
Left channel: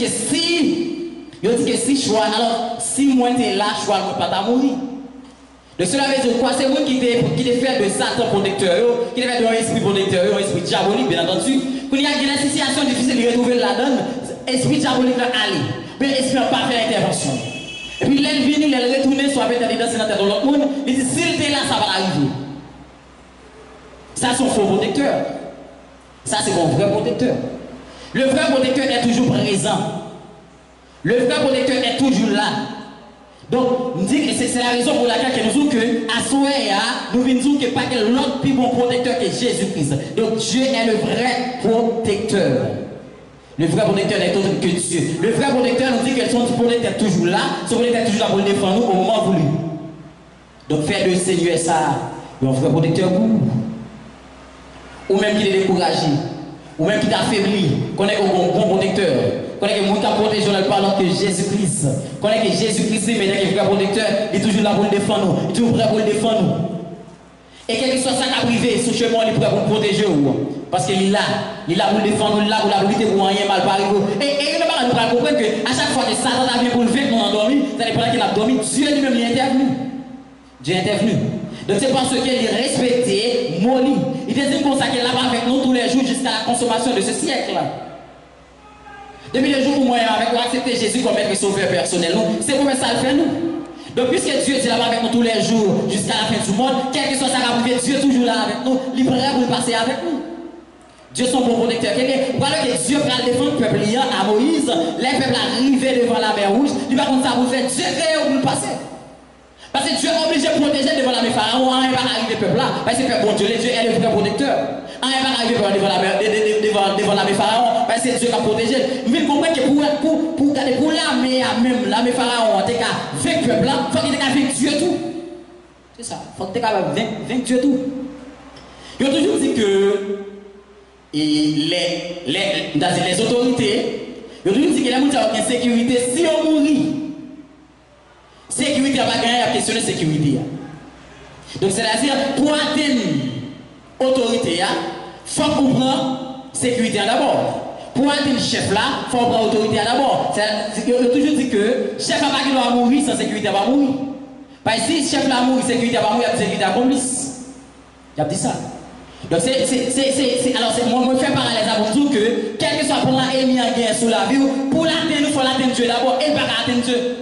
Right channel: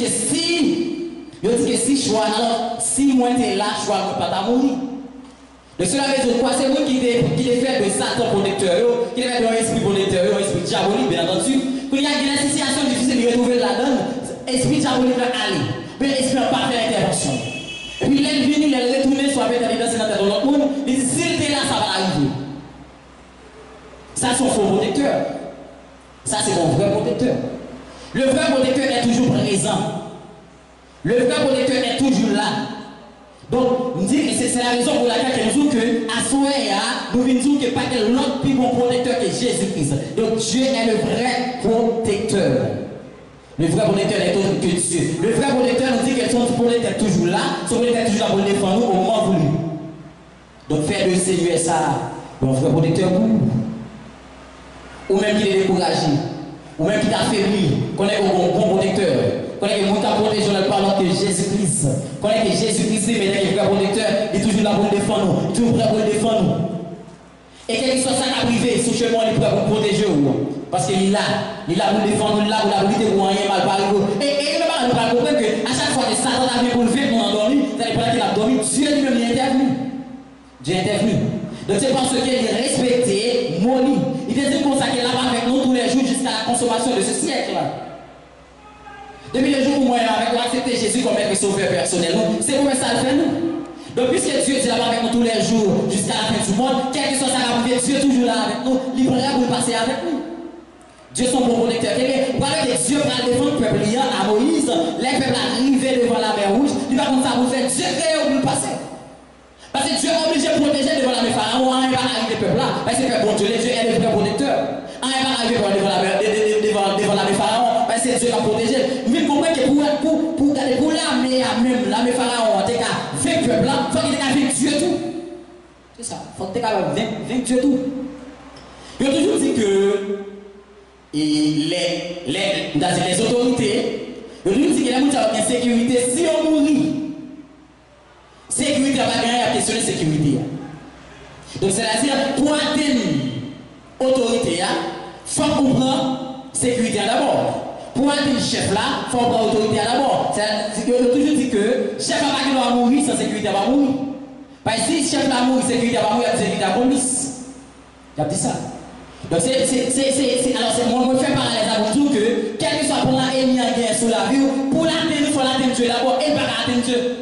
que si choix, alors si moi tu es là, choix ne pas mourir. Donc cela veut dire quoi? C'est moi qui t'ai fait de Satan protecteur, qui t'ai fait de un esprit protecteur, un esprit diabolique, bien entendu. Quand il y a une situation difficile de retrouver la donne, esprit diabolique va aller. Mais l'esprit n'a pas fait l'intervention. Et puis l'ennemi, il est retourné sur la tête dans la tête de l'autre monde, il dit s'il était là, ça va arriver. Ça, c'est un faux protecteur. Ça, c'est mon vrai protecteur. Le vrai protecteur est toujours présent. Le vrai protecteur est toujours là. Donc, c'est la raison pour laquelle nous disons que à Soya, nous disons que pas que l'autre plus bon protecteur que Jésus-Christ. Donc, Dieu est le vrai protecteur. Le vrai protecteur n'est autre que Dieu. Le vrai protecteur nous dit que son protecteur est toujours là. Son protecteur est toujours là pour le défendre au moment voulu. Donc, faire de Seigneur ça, un vrai protecteur pour vous. Ou même qui est découragé, ou même qui t'affaiblit, qu'on est un bon protecteur, qu'on est un bon protégé en parlant de Jésus-Christ, qu'on est que Jésus-Christ, mais il est un vrai protecteur, il est toujours là pour le défendre, il est toujours prêt pour le défendre. Et quel que soit ça qui a privé, ce chemin, il est prêt pour le protéger. Parce qu'il est là pour le défendre, il est là pour la lutter pour rien mal par exemple. Et nous allons comprendre qu'à chaque fois que Satan a venu pour le faire, qu'on a dormi, ça n'est pas qu'il a dormi, Dieu lui-même est intervenu. Dieu est intervenu. Donc c'est parce qu'il est respecté, molli. Il décide comme ça qu'il est là avec nous tous les jours jusqu'à la consommation de ce siècle. Depuis le jour où moi avec nous accepter Jésus comme être sauveur personnel, c'est pour ça le fait nous. Donc puisque Dieu est là avec nous tous les jours jusqu'à la fin du monde, quel que soit ça qui arrive, Dieu est toujours là avec nous, il est prêt pour passer avec nous. Dieu est son bon protecteur. Voilà que Dieu va défendre le peuple à Moïse, les peuples arrivés devant la mer rouge, il va comme ça vous faire Dieu créé pour le passer. Parce que Dieu est obligé de protéger devant la mer Pharaon, rien va arriver le peuple là. Parce que bon Dieu est le vrai protecteur. Rien va arriver devant la mer Pharaon, parce que Dieu va protéger. Mais vous comprenez que pour l'armée même, la mer Pharaon, tu as vaincu le peuple là, il faut qu'il ait vaincu Dieu tout. C'est ça, il faut que tu aies vaincu Dieu tout. Il a toujours dit que les autorités, il a toujours dit que les gens ont une sécurité si on mourit. Sécurité, on va gagner à questionner la sécurité. Donc, c'est-à-dire, pour atteindre l'autorité, il faut comprendre la sécurité d'abord. Pour atteindre le chef là, il faut comprendre l'autorité d'abord. On a toujours dit que le chef n'a pas mourir sans sécurité, va mourir. Parce que si le chef là mourir, sécurité va mourir, il y a sécurité à complice. Il a dit ça. Donc, alors, moi, je fais parallèle à vous que, quel que soit pour l'ennemi en guerre sous la vie, pour l'atteindre, il faut l'atteindre Dieu d'abord, et pas atteindre Dieu.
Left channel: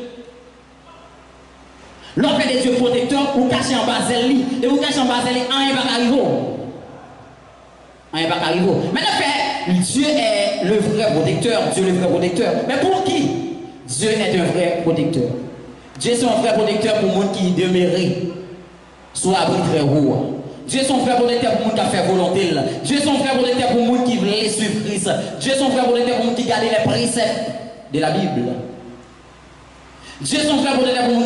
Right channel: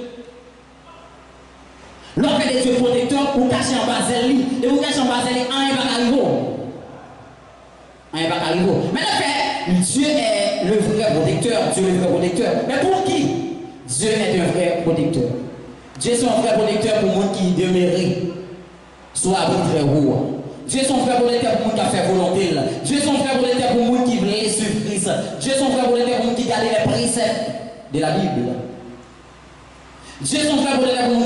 L'offre de Dieu protecteur pour cacher en bas de lui. Et pour cacher en bas de lui, rien va arriver. Rien va arriver. Mais en fait, Dieu est le vrai protecteur. Dieu est le vrai protecteur. Mais pour qui? Dieu est un vrai protecteur. Dieu est un vrai protecteur pour les gens qui demeurent sous l'abri très haut. Dieu est son vrai protecteur pour les gens qui ont fait volonté. Dieu est son vrai protecteur pour les gens qui veulent suivre Christ. Dieu est son vrai protecteur pour les gens qui gardent les préceptes de la Bible. Dieu est son frère protecteur pour nous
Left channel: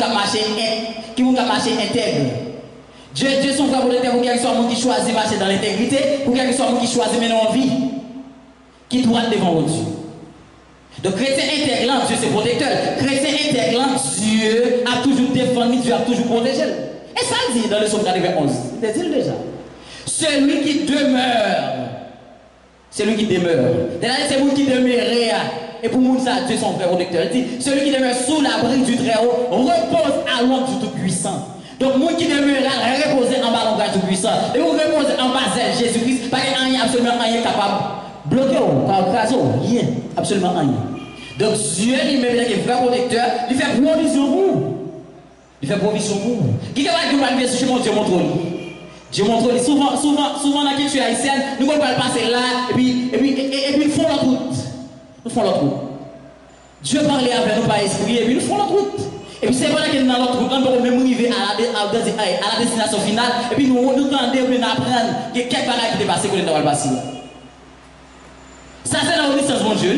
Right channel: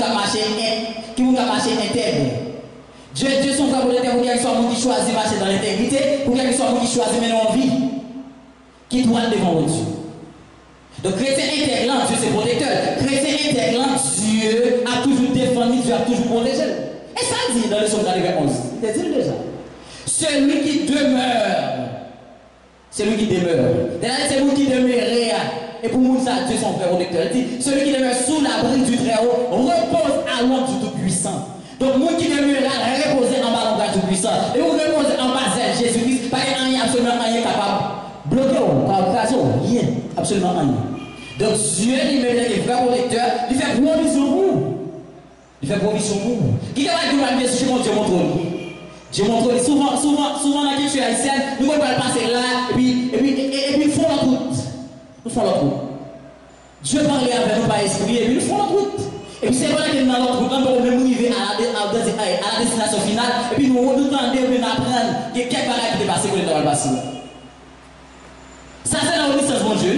qui marcher intègre. Dieu est son frère protecteur pour qu'il soit monde qui choisit marcher dans l'intégrité, pour qu'il soit monde qui choisit mener en vie, qui doit devant Dieu. Donc chrétien intègre, Dieu c'est protecteur. Chrétien intègre, Dieu a toujours défendu, Dieu a toujours protégé. Et ça dit dans le psaume 91, il dit déjà. Celui qui demeure, c'est lui qui demeure. C'est vous qui demeurez. Et pour nous, ça, Dieu son frère protecteur. Il dit, celui qui demeure sous l'abri du Très-Haut repose à l'ombre du Tout-Puissant. Donc, nous qui demeurera reposer en bas de l'ombre du Tout-Puissant. Et vous reposez en bas de Jésus-Christ, parce qu'il n'y a absolument rien capable de bloquer, rien, absolument rien. Donc, Dieu lui-même est un vrai protecteur, il fait provision pour vous. Il fait provision pour vous. Qui va dire que chez mon Dieu montre Dieu montre souvent dans la culture haïtienne, nous ne pouvons pas passer là, et puis ils font notre route. Nous faisons l'autre route. Dieu parlait avec nous par esprit et puis nous faisons l'autre route. Et puis c'est vrai que dans l'autre route, on peut même arriver à la destination finale et puis nous entendons et nous apprenons que quelques bagages qui dépassent que nous devons passer. Ça c'est la obéissance de Dieu.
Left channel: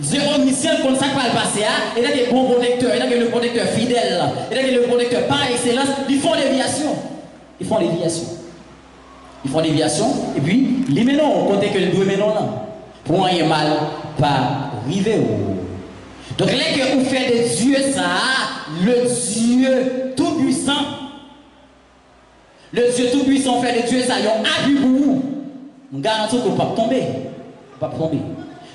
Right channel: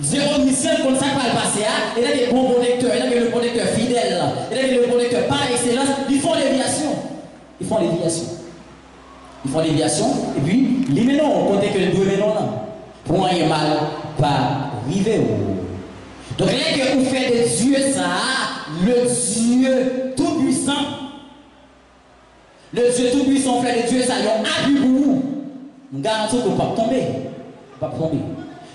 Dieu omniscient, comme ça va le passer, il a des bons protecteurs, il a le protecteur fidèle, il a le protecteur par excellence, ils font déviation. Ils font déviation. Ils font déviation, et puis, les menons, on compte que les deux menons là, pour un mal, pas arriver. Donc, là que vous faites de Dieu ça, le Dieu tout-puissant, le Dieu tout-puissant fait de Dieu ça, il y a un appui pour vous. Je garantis que vous ne pouvez pas tomber. Pas tomber.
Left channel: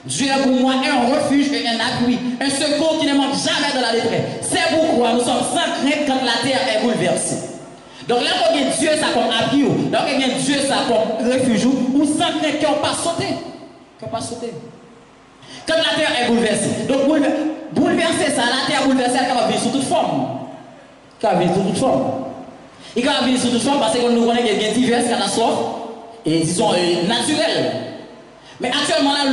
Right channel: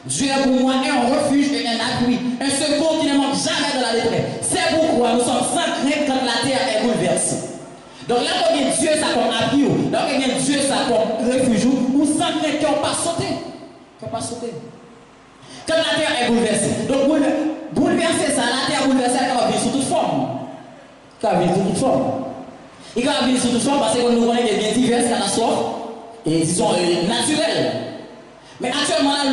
Dieu est pour moi un refuge et un appui, un secours qui ne manque jamais dans la détresse. C'est pourquoi nous sommes sans crainte quand la terre est bouleversée. Donc là, quand il y a Dieu ça comme appui, là quand il y a Dieu ça comme refuge, ou sans crainte qui n'ont pas sauté. Qui n'ont pas sauté. Quand la terre est bouleversée. Donc bouleverser ça, la terre bouleversée, elle va venir sous toute forme. Elle va venir sous toute forme. Il va venir sous toute forme parce que nous connaissons qu'il y a diverses catastrophes et disons naturelles. Mais actuellement, là,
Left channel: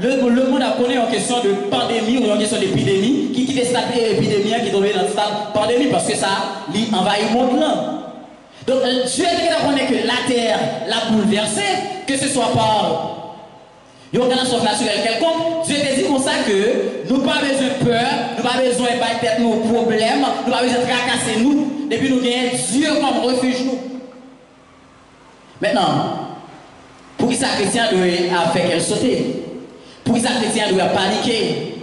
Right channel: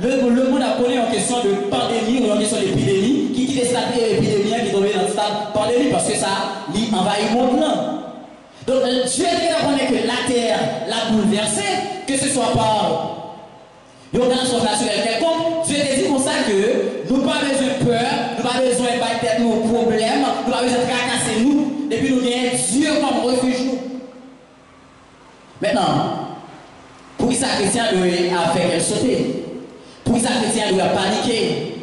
le monde a connu en question de pandémie ou en question d'épidémie, qui est stade épidémie, qui est tombé dans le stade pandémie parce que ça envahit le monde là. Donc, Dieu est que la terre l'a bouleversée, que ce soit par une catastrophe naturelle quelconque. Dieu te dit comme ça que nous n'avons pas besoin de peur, nous n'avons pas besoin de battre tête nos problèmes, nous n'avons pas besoin de tracasser nous, depuis nous gagnons Dieu comme refuge nous. Maintenant, pour qui ça chrétien doit faire qu'elle sauter? Pour qui ça chrétien doit paniquer?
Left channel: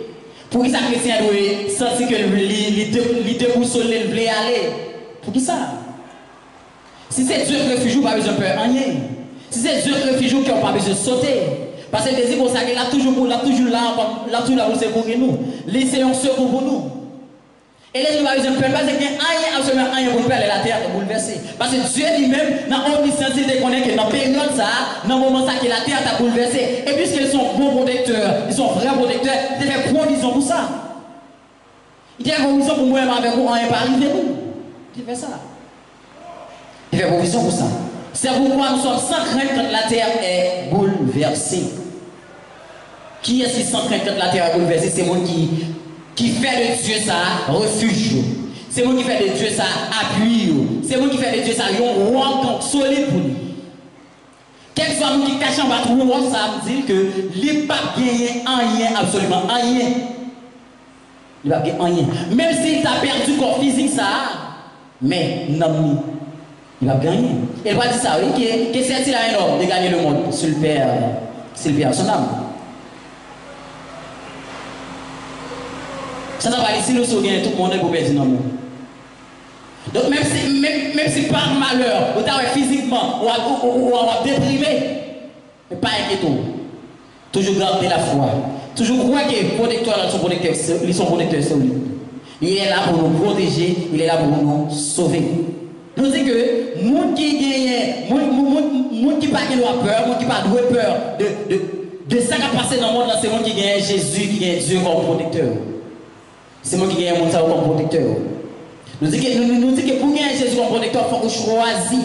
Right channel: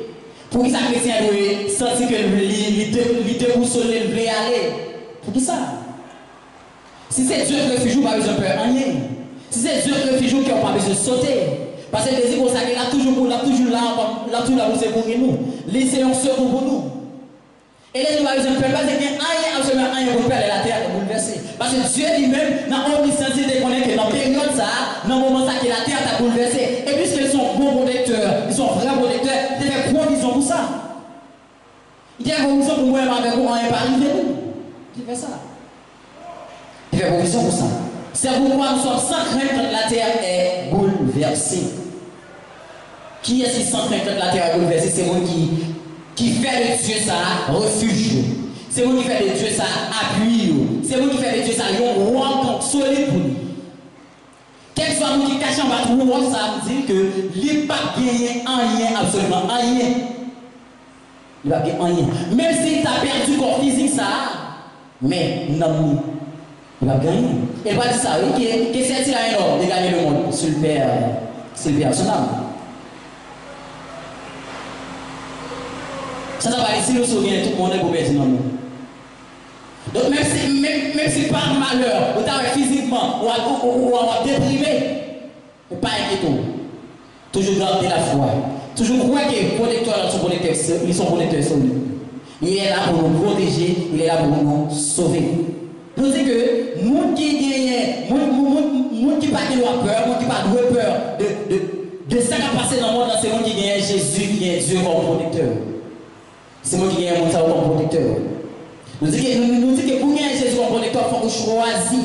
Pour qui ça chrétien doit sentir que il déboussolé, il voulait aller? Pour qui ça? Si c'est Dieu qui refuge, pas besoin de peur, rien. Si c'est Dieu qui refuge, qui n'a pas besoin de sauter. Parce que c'est pour ça qu'il a toujours là, pour nous. Laissez un secours pour nous. Et là, nous avons besoin de peur, parce qu'il y a absolument rien pour peur, la terre est bouleversée. Parce que Dieu lui-même, dans l'omniscience, il déconne que dans la période, dans le moment ça, que la terre est bouleversée. Et puisqu'ils sont bons protecteurs, ils sont vrais protecteurs, ils fait provision pour ça. Il fait provision pour moi, avec vous, rien pas arrivé nous. Il fait ça. Il fait provision pour ça. C'est pourquoi nous sommes sans crainte quand la terre est bouleversée. Qui est-ce qui sans crainte quand la terre est bouleversée? C'est moi qui fait de Dieu ça refuge. C'est moi qui fait de Dieu ça appui. C'est moi qui fait de Dieu ça un roc solide pour nous. Quel soit nous qui cachons battre nous, ça veut dire que les pas gagner rien, absolument rien. Il va gagner rien. Même s'il t'a perdu corps physique ça, mais non, il va gagner. Il va dire ça, oui, que c'est un homme de gagner le monde, c'est le Père, son âme. Ça n'a pas dit si nous sommes tout le monde est pour perdre dans le monde. Donc même si par malheur, vous avez physiquement ou déprimé, mais pas inquiétant. Toujours garder la foi. Toujours croire que les protecteurs sont protecteurs solides. Il est là pour nous protéger, il est là pour nous sauver. Nous disons que les gens qui gagnent, les gens qui n'ont pas peur, les gens qui n'ont pas peur de ça qui a passé dans le monde, c'est les gens qui gagnent Jésus, qui gagnent Dieu comme protecteur. C'est moi qui gagne mon savoir comme protecteur. Nous disons que pour gagner Jésus comme protecteur, il faut choisir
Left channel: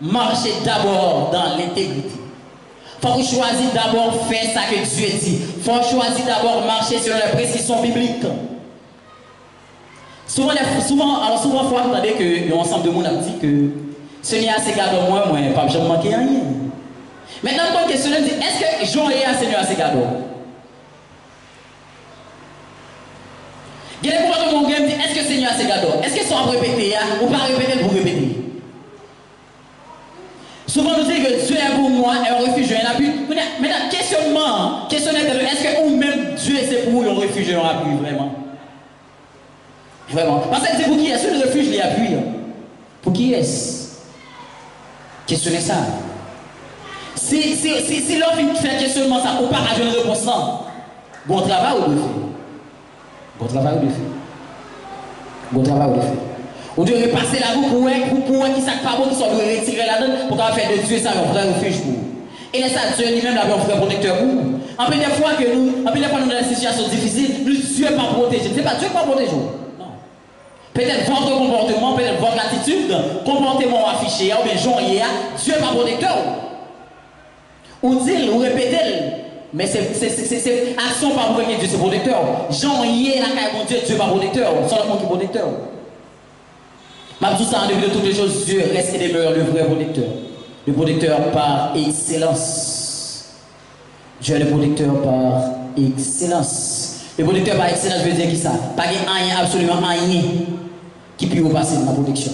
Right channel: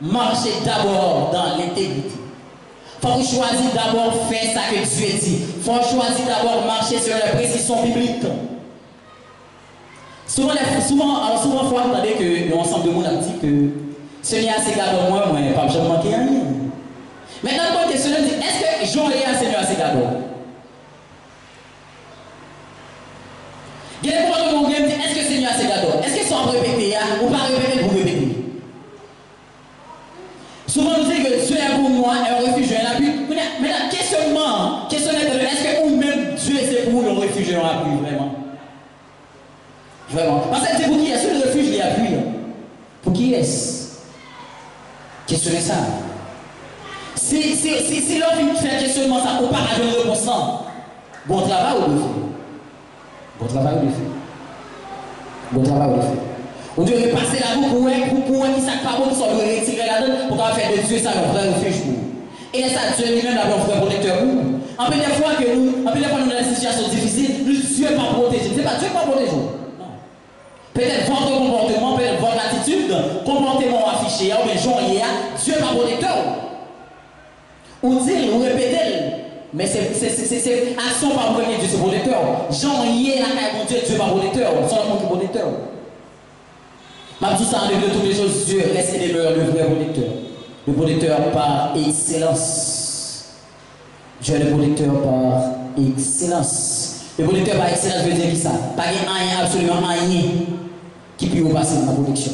marcher d'abord dans l'intégrité. Il faut choisir d'abord faire ça que Dieu dit. Il faut choisir d'abord marcher sur les précisions bibliques. Souvent, vous entendez que l'ensemble de monde a dit que Seigneur a ses cadeaux, moi, pas jamais manquer rien. Maintenant, quand question dit, est-ce que Jean est un Seigneur à ses cadeaux? Il y a des moments où on dit, est-ce que le Seigneur a ses cadeaux? Est-ce qu'ils sont à répéter ou pas répéter pour répéter? Souvent, nous disons que Dieu est pour moi un refuge, un appui. Maintenant, questionnement, est-ce que vous-même, Dieu c'est pour vous un refuge, un appui, vraiment? Vraiment. Parce que c'est pour qui est-ce que le refuge, il appuie? Pour qui est-ce? Questionnez ça. Si l'homme fait questionnement, ça ne peut pas avoir une réponse. Bon travail ou le fait? Bon travail ou le fait? Bon travail ou le fait? On doit repasser la roue pour un qui s'est pas bon, qui sont retirer la donne pour faire de Dieu ça un vrai refuge pour vous. Et ça, Dieu lui-même a un vrai protecteur pour vous. En plus, des fois, nous dans des situations difficiles, Dieu n'est pas protégé. Ce n'est pas Dieu qui va protéger. Non. Peut-être votre comportement, peut-être votre attitude, comportement affiché, ou bien Jean hier, Dieu n'est pas protecteur. Ou dit, ou répétez. Mais c'est action par vous que Dieu est protecteur. Jean hier, la Dieu n'est pas protecteur. C'est le monde qui est protecteur. Mais tout ça, en dehors de toutes les choses, Dieu reste et demeure le vrai protecteur. Le protecteur par excellence. Dieu est le protecteur par excellence. Le protecteur par excellence veut dire qui ça? Pas rien, absolument rien qui peut passer dans la protection.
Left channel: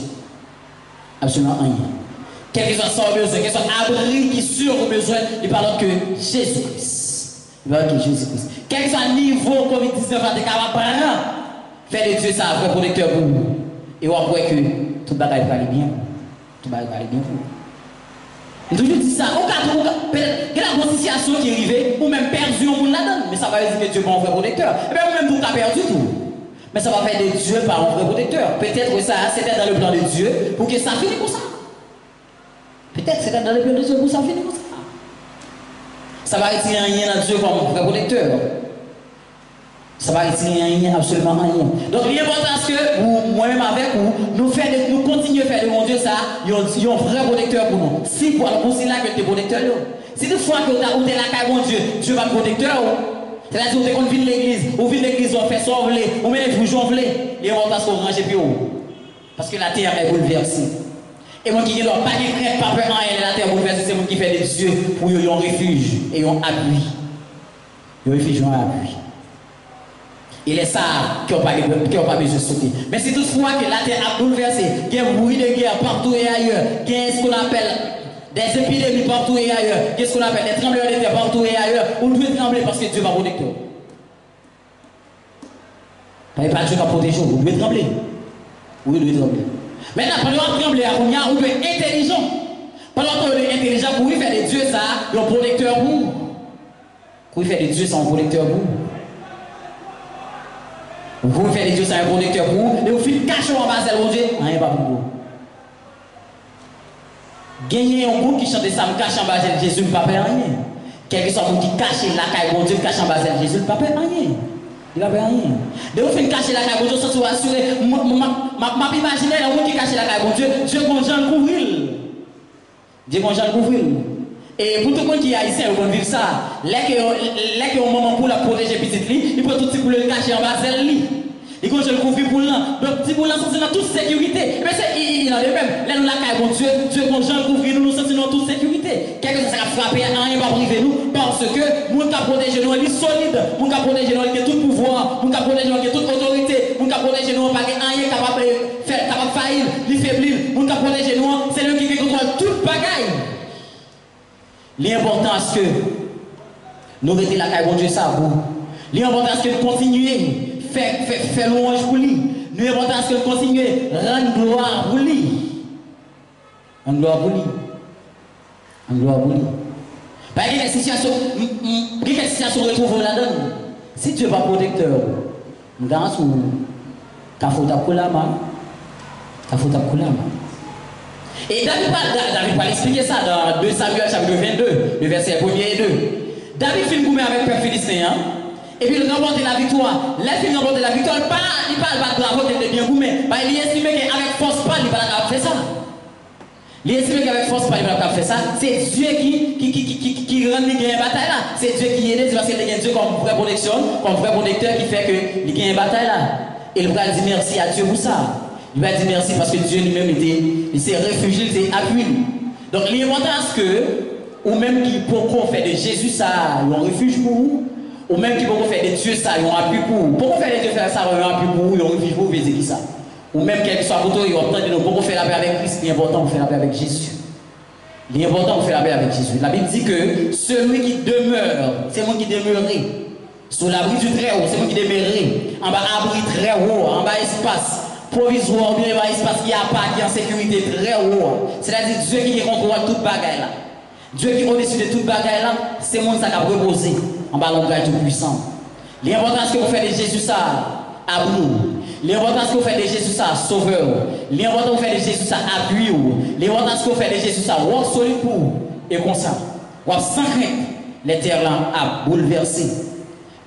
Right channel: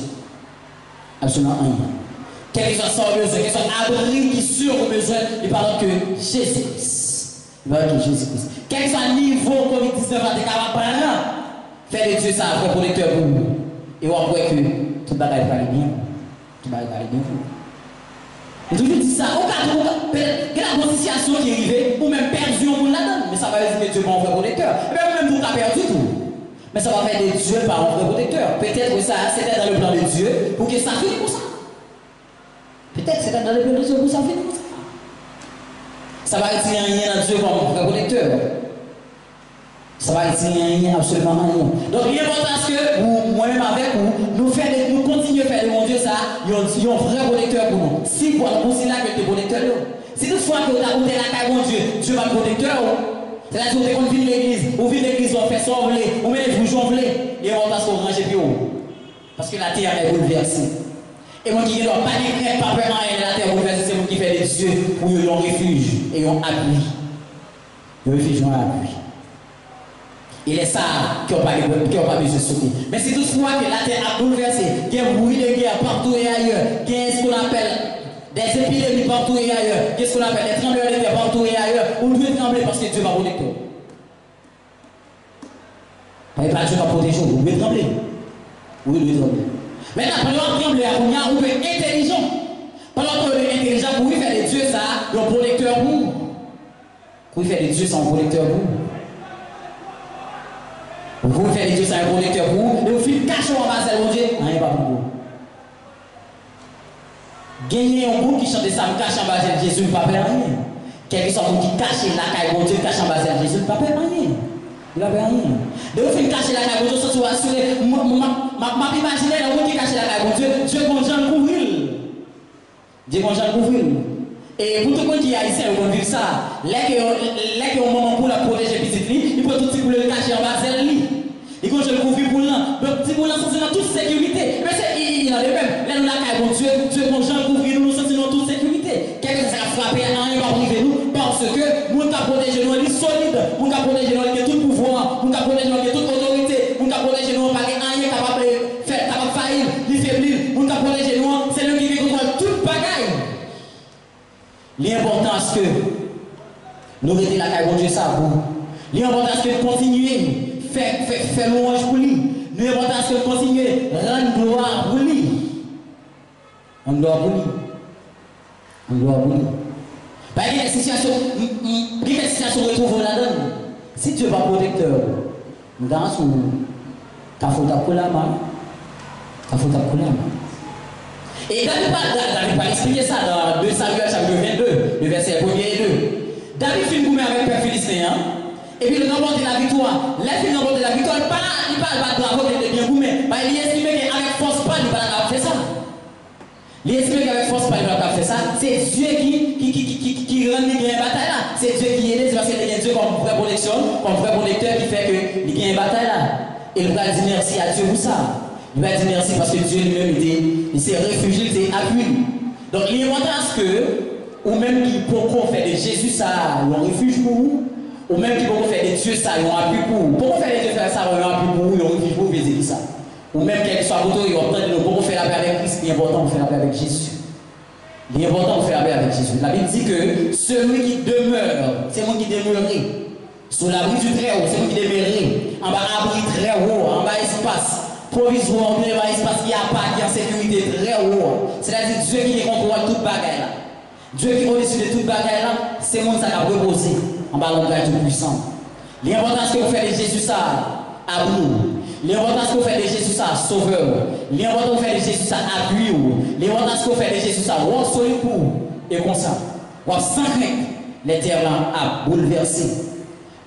Absolument rien. Quel que soit son besoin, quel que soit l'abri qui sur vos besoins, il parle que Jésus-Christ. Il parle que Jésus-Christ. Quel que soit le niveau COVID-19 à des capables, faire de Dieu ça, un vrai protecteur pour vous. Et on voit que tout le bagage va aller bien. Tout le bagage va aller bien pour vous. Et toujours dit ça, au cas où, il y a une situation qui est arrivée, ou même perdu au monde là-dedans, mais ça va dire que Dieu n'est pas un vrai protecteur. Et bien, vous-même, vous avez perdu tout. Mais ça va faire de Dieu par un vrai protecteur. Peut-être que ça, c'était dans le plan de Dieu pour que ça finisse comme ça. Peut-être que c'était dans le plan de Dieu pour que ça finisse comme ça. Ça va retirer rien dans Dieu comme un vrai protecteur. Ça va retirer rien, absolument rien. Donc, l'important c'est que moi-même avec vous, nous continuons à faire de mon Dieu ça, il y a un vrai protecteur pour nous. Si pour nous, là que tu es protecteur, si toutefois que tu as la caille mon Dieu, Dieu va être protecteur. C'est-à-dire que quand on vient de l'église, on vient de l'église, on fait ça, on met les bouchons, et on va se ranger plus haut. Parce que la terre est bouleversée. Et moi qui ne dois pas dire crainte, pas peur en elle, la terre bouleversée, c'est moi qui fais des dieux pour y un refuge et un appui. Un refuge et un appui. Et les ça qui n'ont pas besoin de sauter. Mais c'est toutefois que la terre a bouleversé, qu'il y a un bruit de guerre partout et ailleurs, qu'il y a ce qu'on appelle des épidémies partout et ailleurs, qu'est-ce qu'on appelle des tremblements de terre partout et ailleurs, on doit trembler parce que Dieu va protecteur. Pas Dieu va protéger, vous devez trembler. Oui, vous devez trembler. Maintenant, pendant que trembler, on peut être intelligent. Pendant qu'on est intelligent, vous pouvez faire de Dieu ça, un protecteur pour vous. Vous pouvez faire de Dieu ça, un protecteur pour vous. Vous pouvez faire de Dieu ça, un protecteur pour vous, et vous faites cacher en bas de Dieu, rien pas pour vous. Gagner un groupe qui chante ça, me cache en bas de Jésus, ne peut pas faire rien. Quel que soit le monde qui cache la caille, mon Dieu, cache en bas de Jésus, ne peut pas faire rien. Il ne va faire rien. De vous faire cacher la caille, mon Dieu, sans vous assurer, m'a imaginé un monde qui cache la caille, mon Dieu, Dieu mon Jean couvrir. Dieu mon Jean couvrir. Et pour tout le monde qui est haïtien, vous pouvez vivre ça. Là qu'il y a un moment pour la protéger petite lit, il peut tout pour le cacher en bas de lit. Et quand je le couvre pour l'an, donc si pour l'an, c'est dans toute sécurité. Mais il en est même. Là, nous la caille, bon Dieu, mon Jean couvre, nous sentons dans toute sécurité. Quelque chose qui a frappé, rien va priver nous, parce que nous avons protégé nous, il est solide. Nous avons protégé nous, il a tout pouvoir. Nous avons protégé nous, il a toute autorité. Nous avons protégé nous, pas rien capable de faire, capable de faillir, de faiblir. Nous avons protégé nous, c'est lui qui contrôle toute bagaille. L'important est que nous mettons la caille, bon Dieu, ça vous. L'important est que nous continuons. Faire louange pour lui. Nous avons à ce que continuer, rendre gloire pour lui. En gloire pour lui. En gloire pour lui. Parce que les situations retrouvent là-dedans. Si Dieu n'est pas protecteur, nous avons sous ta faute à Koulama. Ta faute à Koulama. Et David va expliquer ça dans 2 Samuel chapitre 22, le verset 1er et 2. David fait une gourmet avec le peuple philistéen. Et puis, il a remporté la victoire. Là, il a remporté la victoire. Il parle pas de bravo, il est bien gourmet. Il estime qu'avec force, pas, il va faire ça. Il estime qu'avec force, pas, il va faire ça. C'est Dieu qui rend les gains bataille là. C'est Dieu qui aide, c'est parce qu'il y a Dieu comme vraie protection, comme vrai protecteur qui fait que les gains bataille là. Et il va dire merci à Dieu pour ça. Il va dire merci parce que Dieu lui-même il s'est réfugié, il s'est appuyé. Donc, l'important c'est que, ou même qui pourquoi faire de Jésus ça, un refuge pour vous. Ou même qui peuvent faire des dieux ça, ils ont appui pour vous. Pourquoi faire des dieux ça, ils ont appui pour vous, ils ont refuge pour vous, ils ça. Ou même quel que soit votre ils ont entendu nous, pourquoi faire la paix avec Christ, l'important, on fait la paix avec Jésus. L'important, on fait la paix avec Jésus. La Bible dit que celui qui demeure, c'est moi qui demeurerai. Sous l'abri du très haut, c'est moi qui demeurerai. En bas, abri très haut, en bas, espace provisoire, bien bas, espace qui a pas, qui est en sécurité très haut. C'est-à-dire Dieu qui contrôle toute bagaille là. Dieu qui est au-dessus de toute bagaille là, c'est moi qui a reposé. En bas, l'ongage tout puissant. L'important, c'est que vous faites de Jésus ça à vous. L'important, c'est que vous faites de Jésus ça sauveur. L'important, c'est que vous faites de Jésus ça appui. L'important, c'est que vous faites de Jésus ça roi solide pour et comme ça. Vous avez sans crainte, les terres là à bouleverser.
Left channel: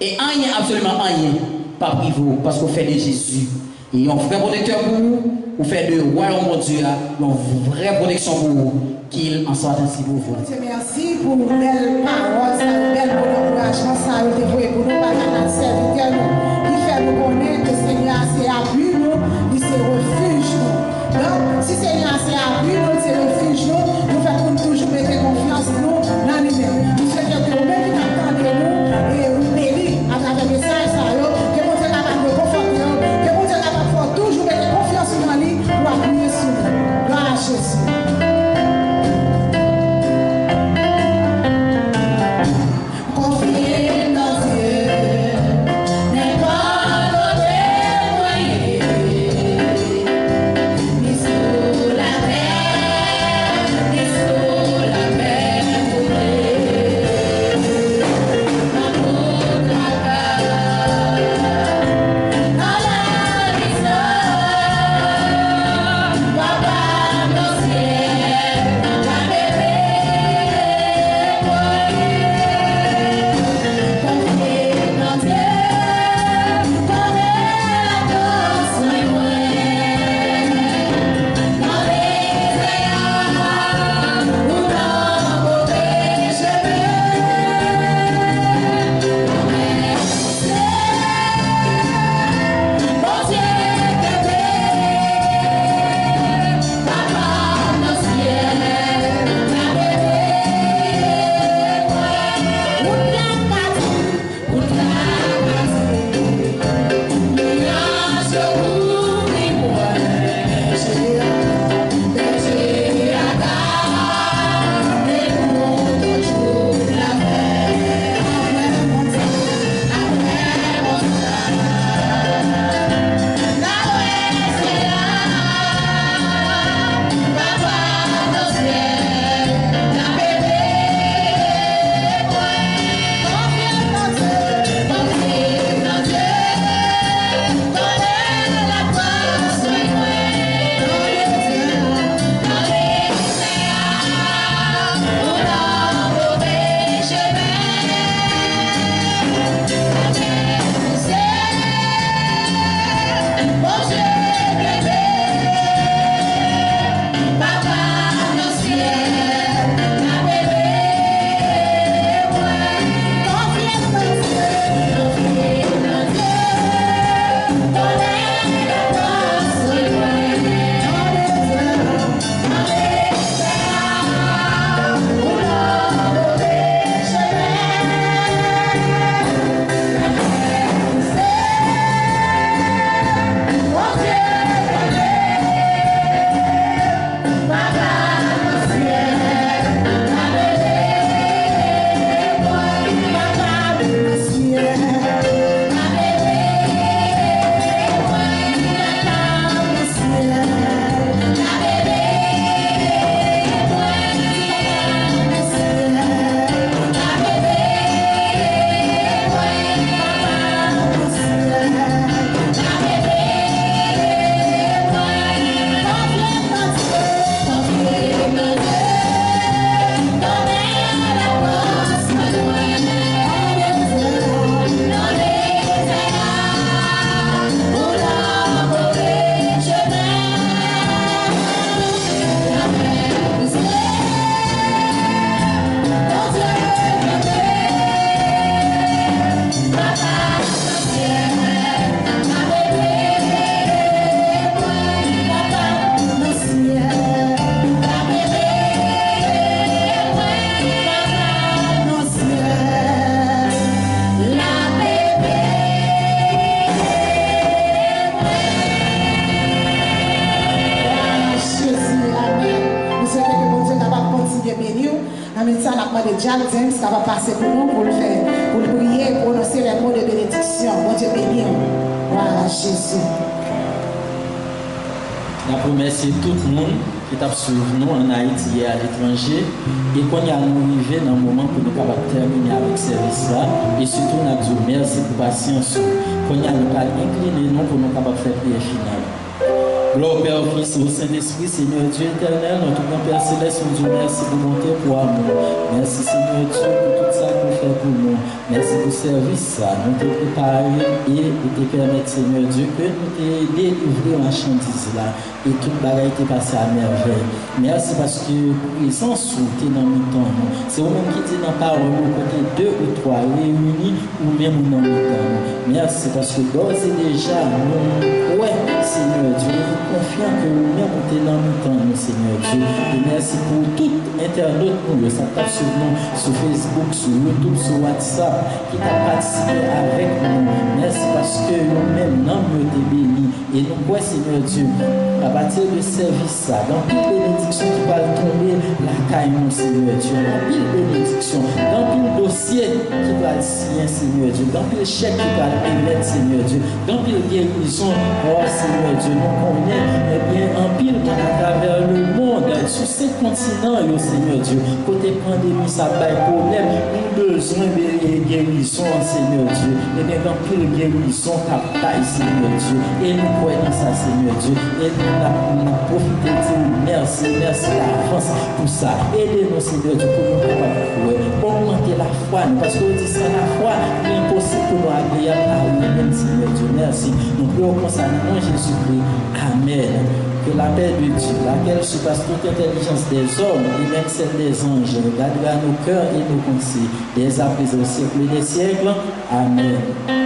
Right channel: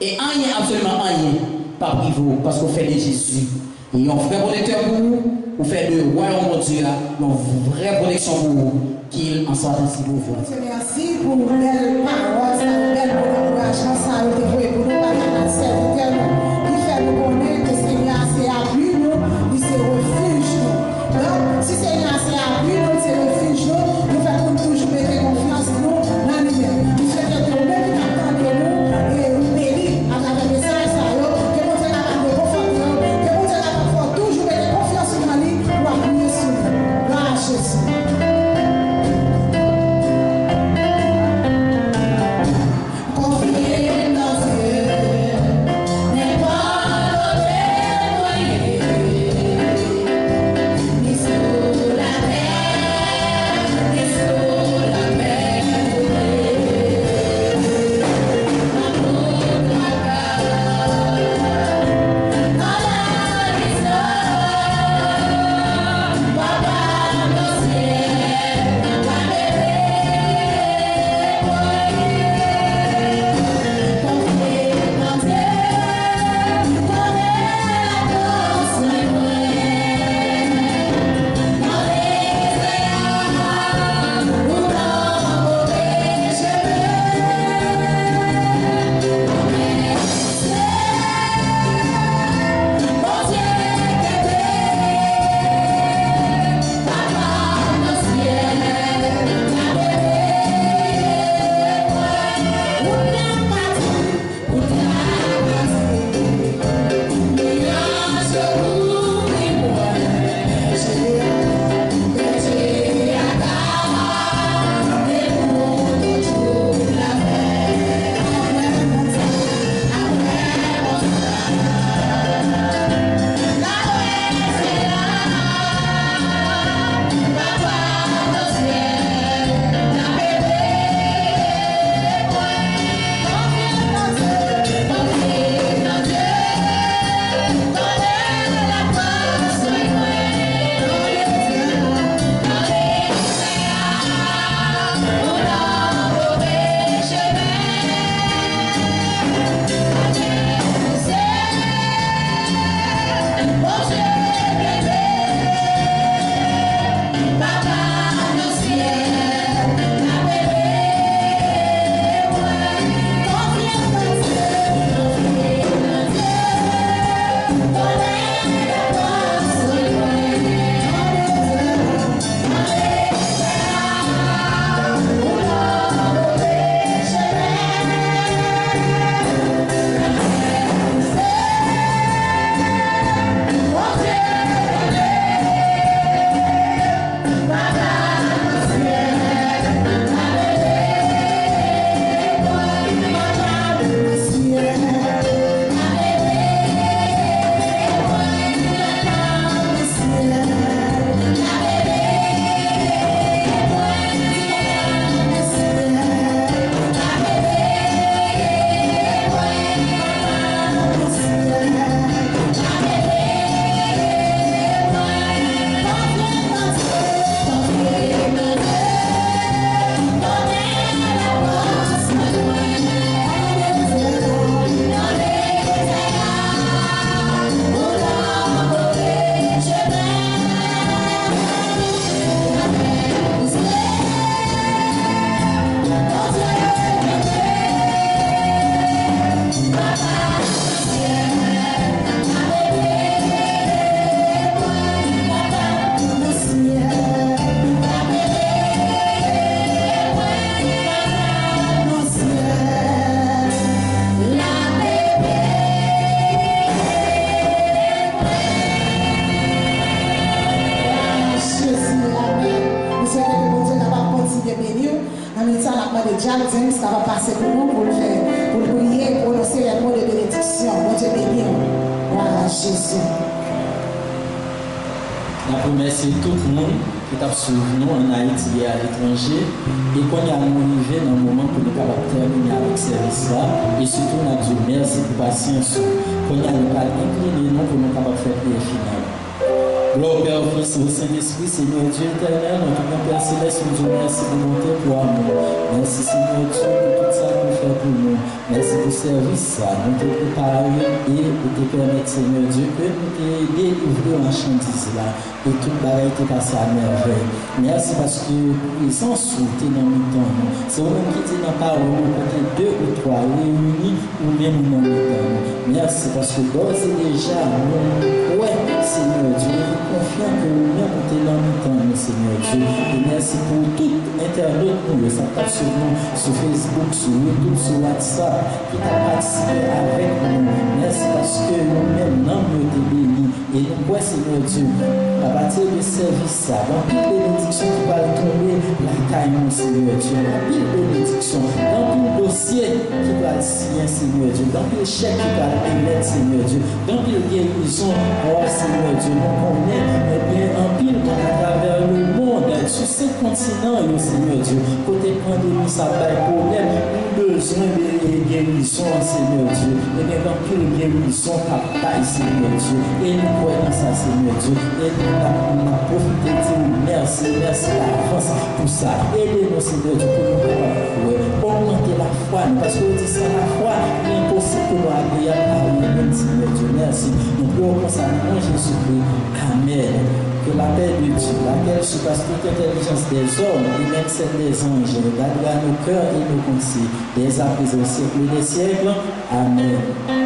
Et rien, absolument rien, pas privé, parce que vous faites de Jésus. Et un vrai protecteur pour vous, vous faites de royaume de Dieu, une vraie protection pour vous, qu'il en soit ainsi pour vous. Merci pour vos belles paroles, pour vos belles encouragements, ça a été voué pour nous, par notre serviteur, qui fait nous connaître que Seigneur, c'est appui nous, il c'est refuge nous. Donc, si Seigneur, c'est appui nous, c'est refuge nous faisons toujours mettre confiance nous dans lui-même. Nous souhaitons que nous-mêmes qui attendons nous et nous bénissons. de Jack James qui va passer pour nous, pour le faire, pour le prier, pour prononcer les mots de bénédiction. Bon Dieu béni. Voilà, Jésus. La première, c'est tout le monde qui t'a suivi nous en Haïti et à l'étranger. Et qu'on y a arrivé dans le moment pour nous capables de terminer avec ce service-là. Et surtout, on a dit merci pour la patience. Qu'on y a incliné nous pour nous capables de faire prière finale. Gloire au Père, au Fils et au Saint-Esprit, Seigneur Dieu éternel, notre grand Père Céleste, nous disons merci pour bonté, pour amour. Merci Seigneur Dieu pour tout ça que vous faites pour nous. Merci pour le service, ça. Nous te préparons et nous te permettons, Seigneur Dieu, que nous te délivrer en marchandise là. Et toute bagaille est passée à merveille. Merci parce que présence ou t'es dans le temps. C'est vous-même qui dit dans la parole, côté 2 ou 3 réunis ou même dans le temps. Merci parce que d'ores et déjà, nous, ouais, Seigneur Dieu, nous confions que nous-mêmes t'es dans le temps, Seigneur Dieu. Et merci pour tout internaute, nous, ça tape sur nous, sur Facebook, sur YouTube, sur WhatsApp, qui t'a participé avec nous. Merci parce que nous-mêmes, nous t'es bénis. Et nous, quoi, Seigneur Dieu, à partir de service, dans toute bénédiction qui va tomber, la caille, mon Seigneur Dieu, dans toute bénédiction, dans tout dossier qui va signer, Seigneur Dieu, dans tout chèque qui va émettre, Seigneur Dieu, dans toute guérison, oh Seigneur Dieu, nous connaissons, eh bien, en pile à travers le monde, sur ces continents, Seigneur Dieu, côté pandémie, ça va être problème, nous besoin de guérison, Seigneur Dieu, et bien, dans pile guérison, capable, Seigneur Dieu, et nous croyons ça, Seigneur Dieu, et nous avons profité de dire merci, merci d'avance pour ça. Aidez-nous, Seigneur Dieu, pour nous préparer, augmenter la foi, parce que dit sans la foi, il est impossible pour nous agréable à nous-mêmes, Seigneur Dieu. Merci. Nous prions comme ça, nous, Jésus-Christ. Amen. Que la paix de Dieu, laquelle surpasse toute intelligence des hommes et même celle des anges, gardera nos cœurs et nos pensées, dès à présent au siècle des siècles. Amen.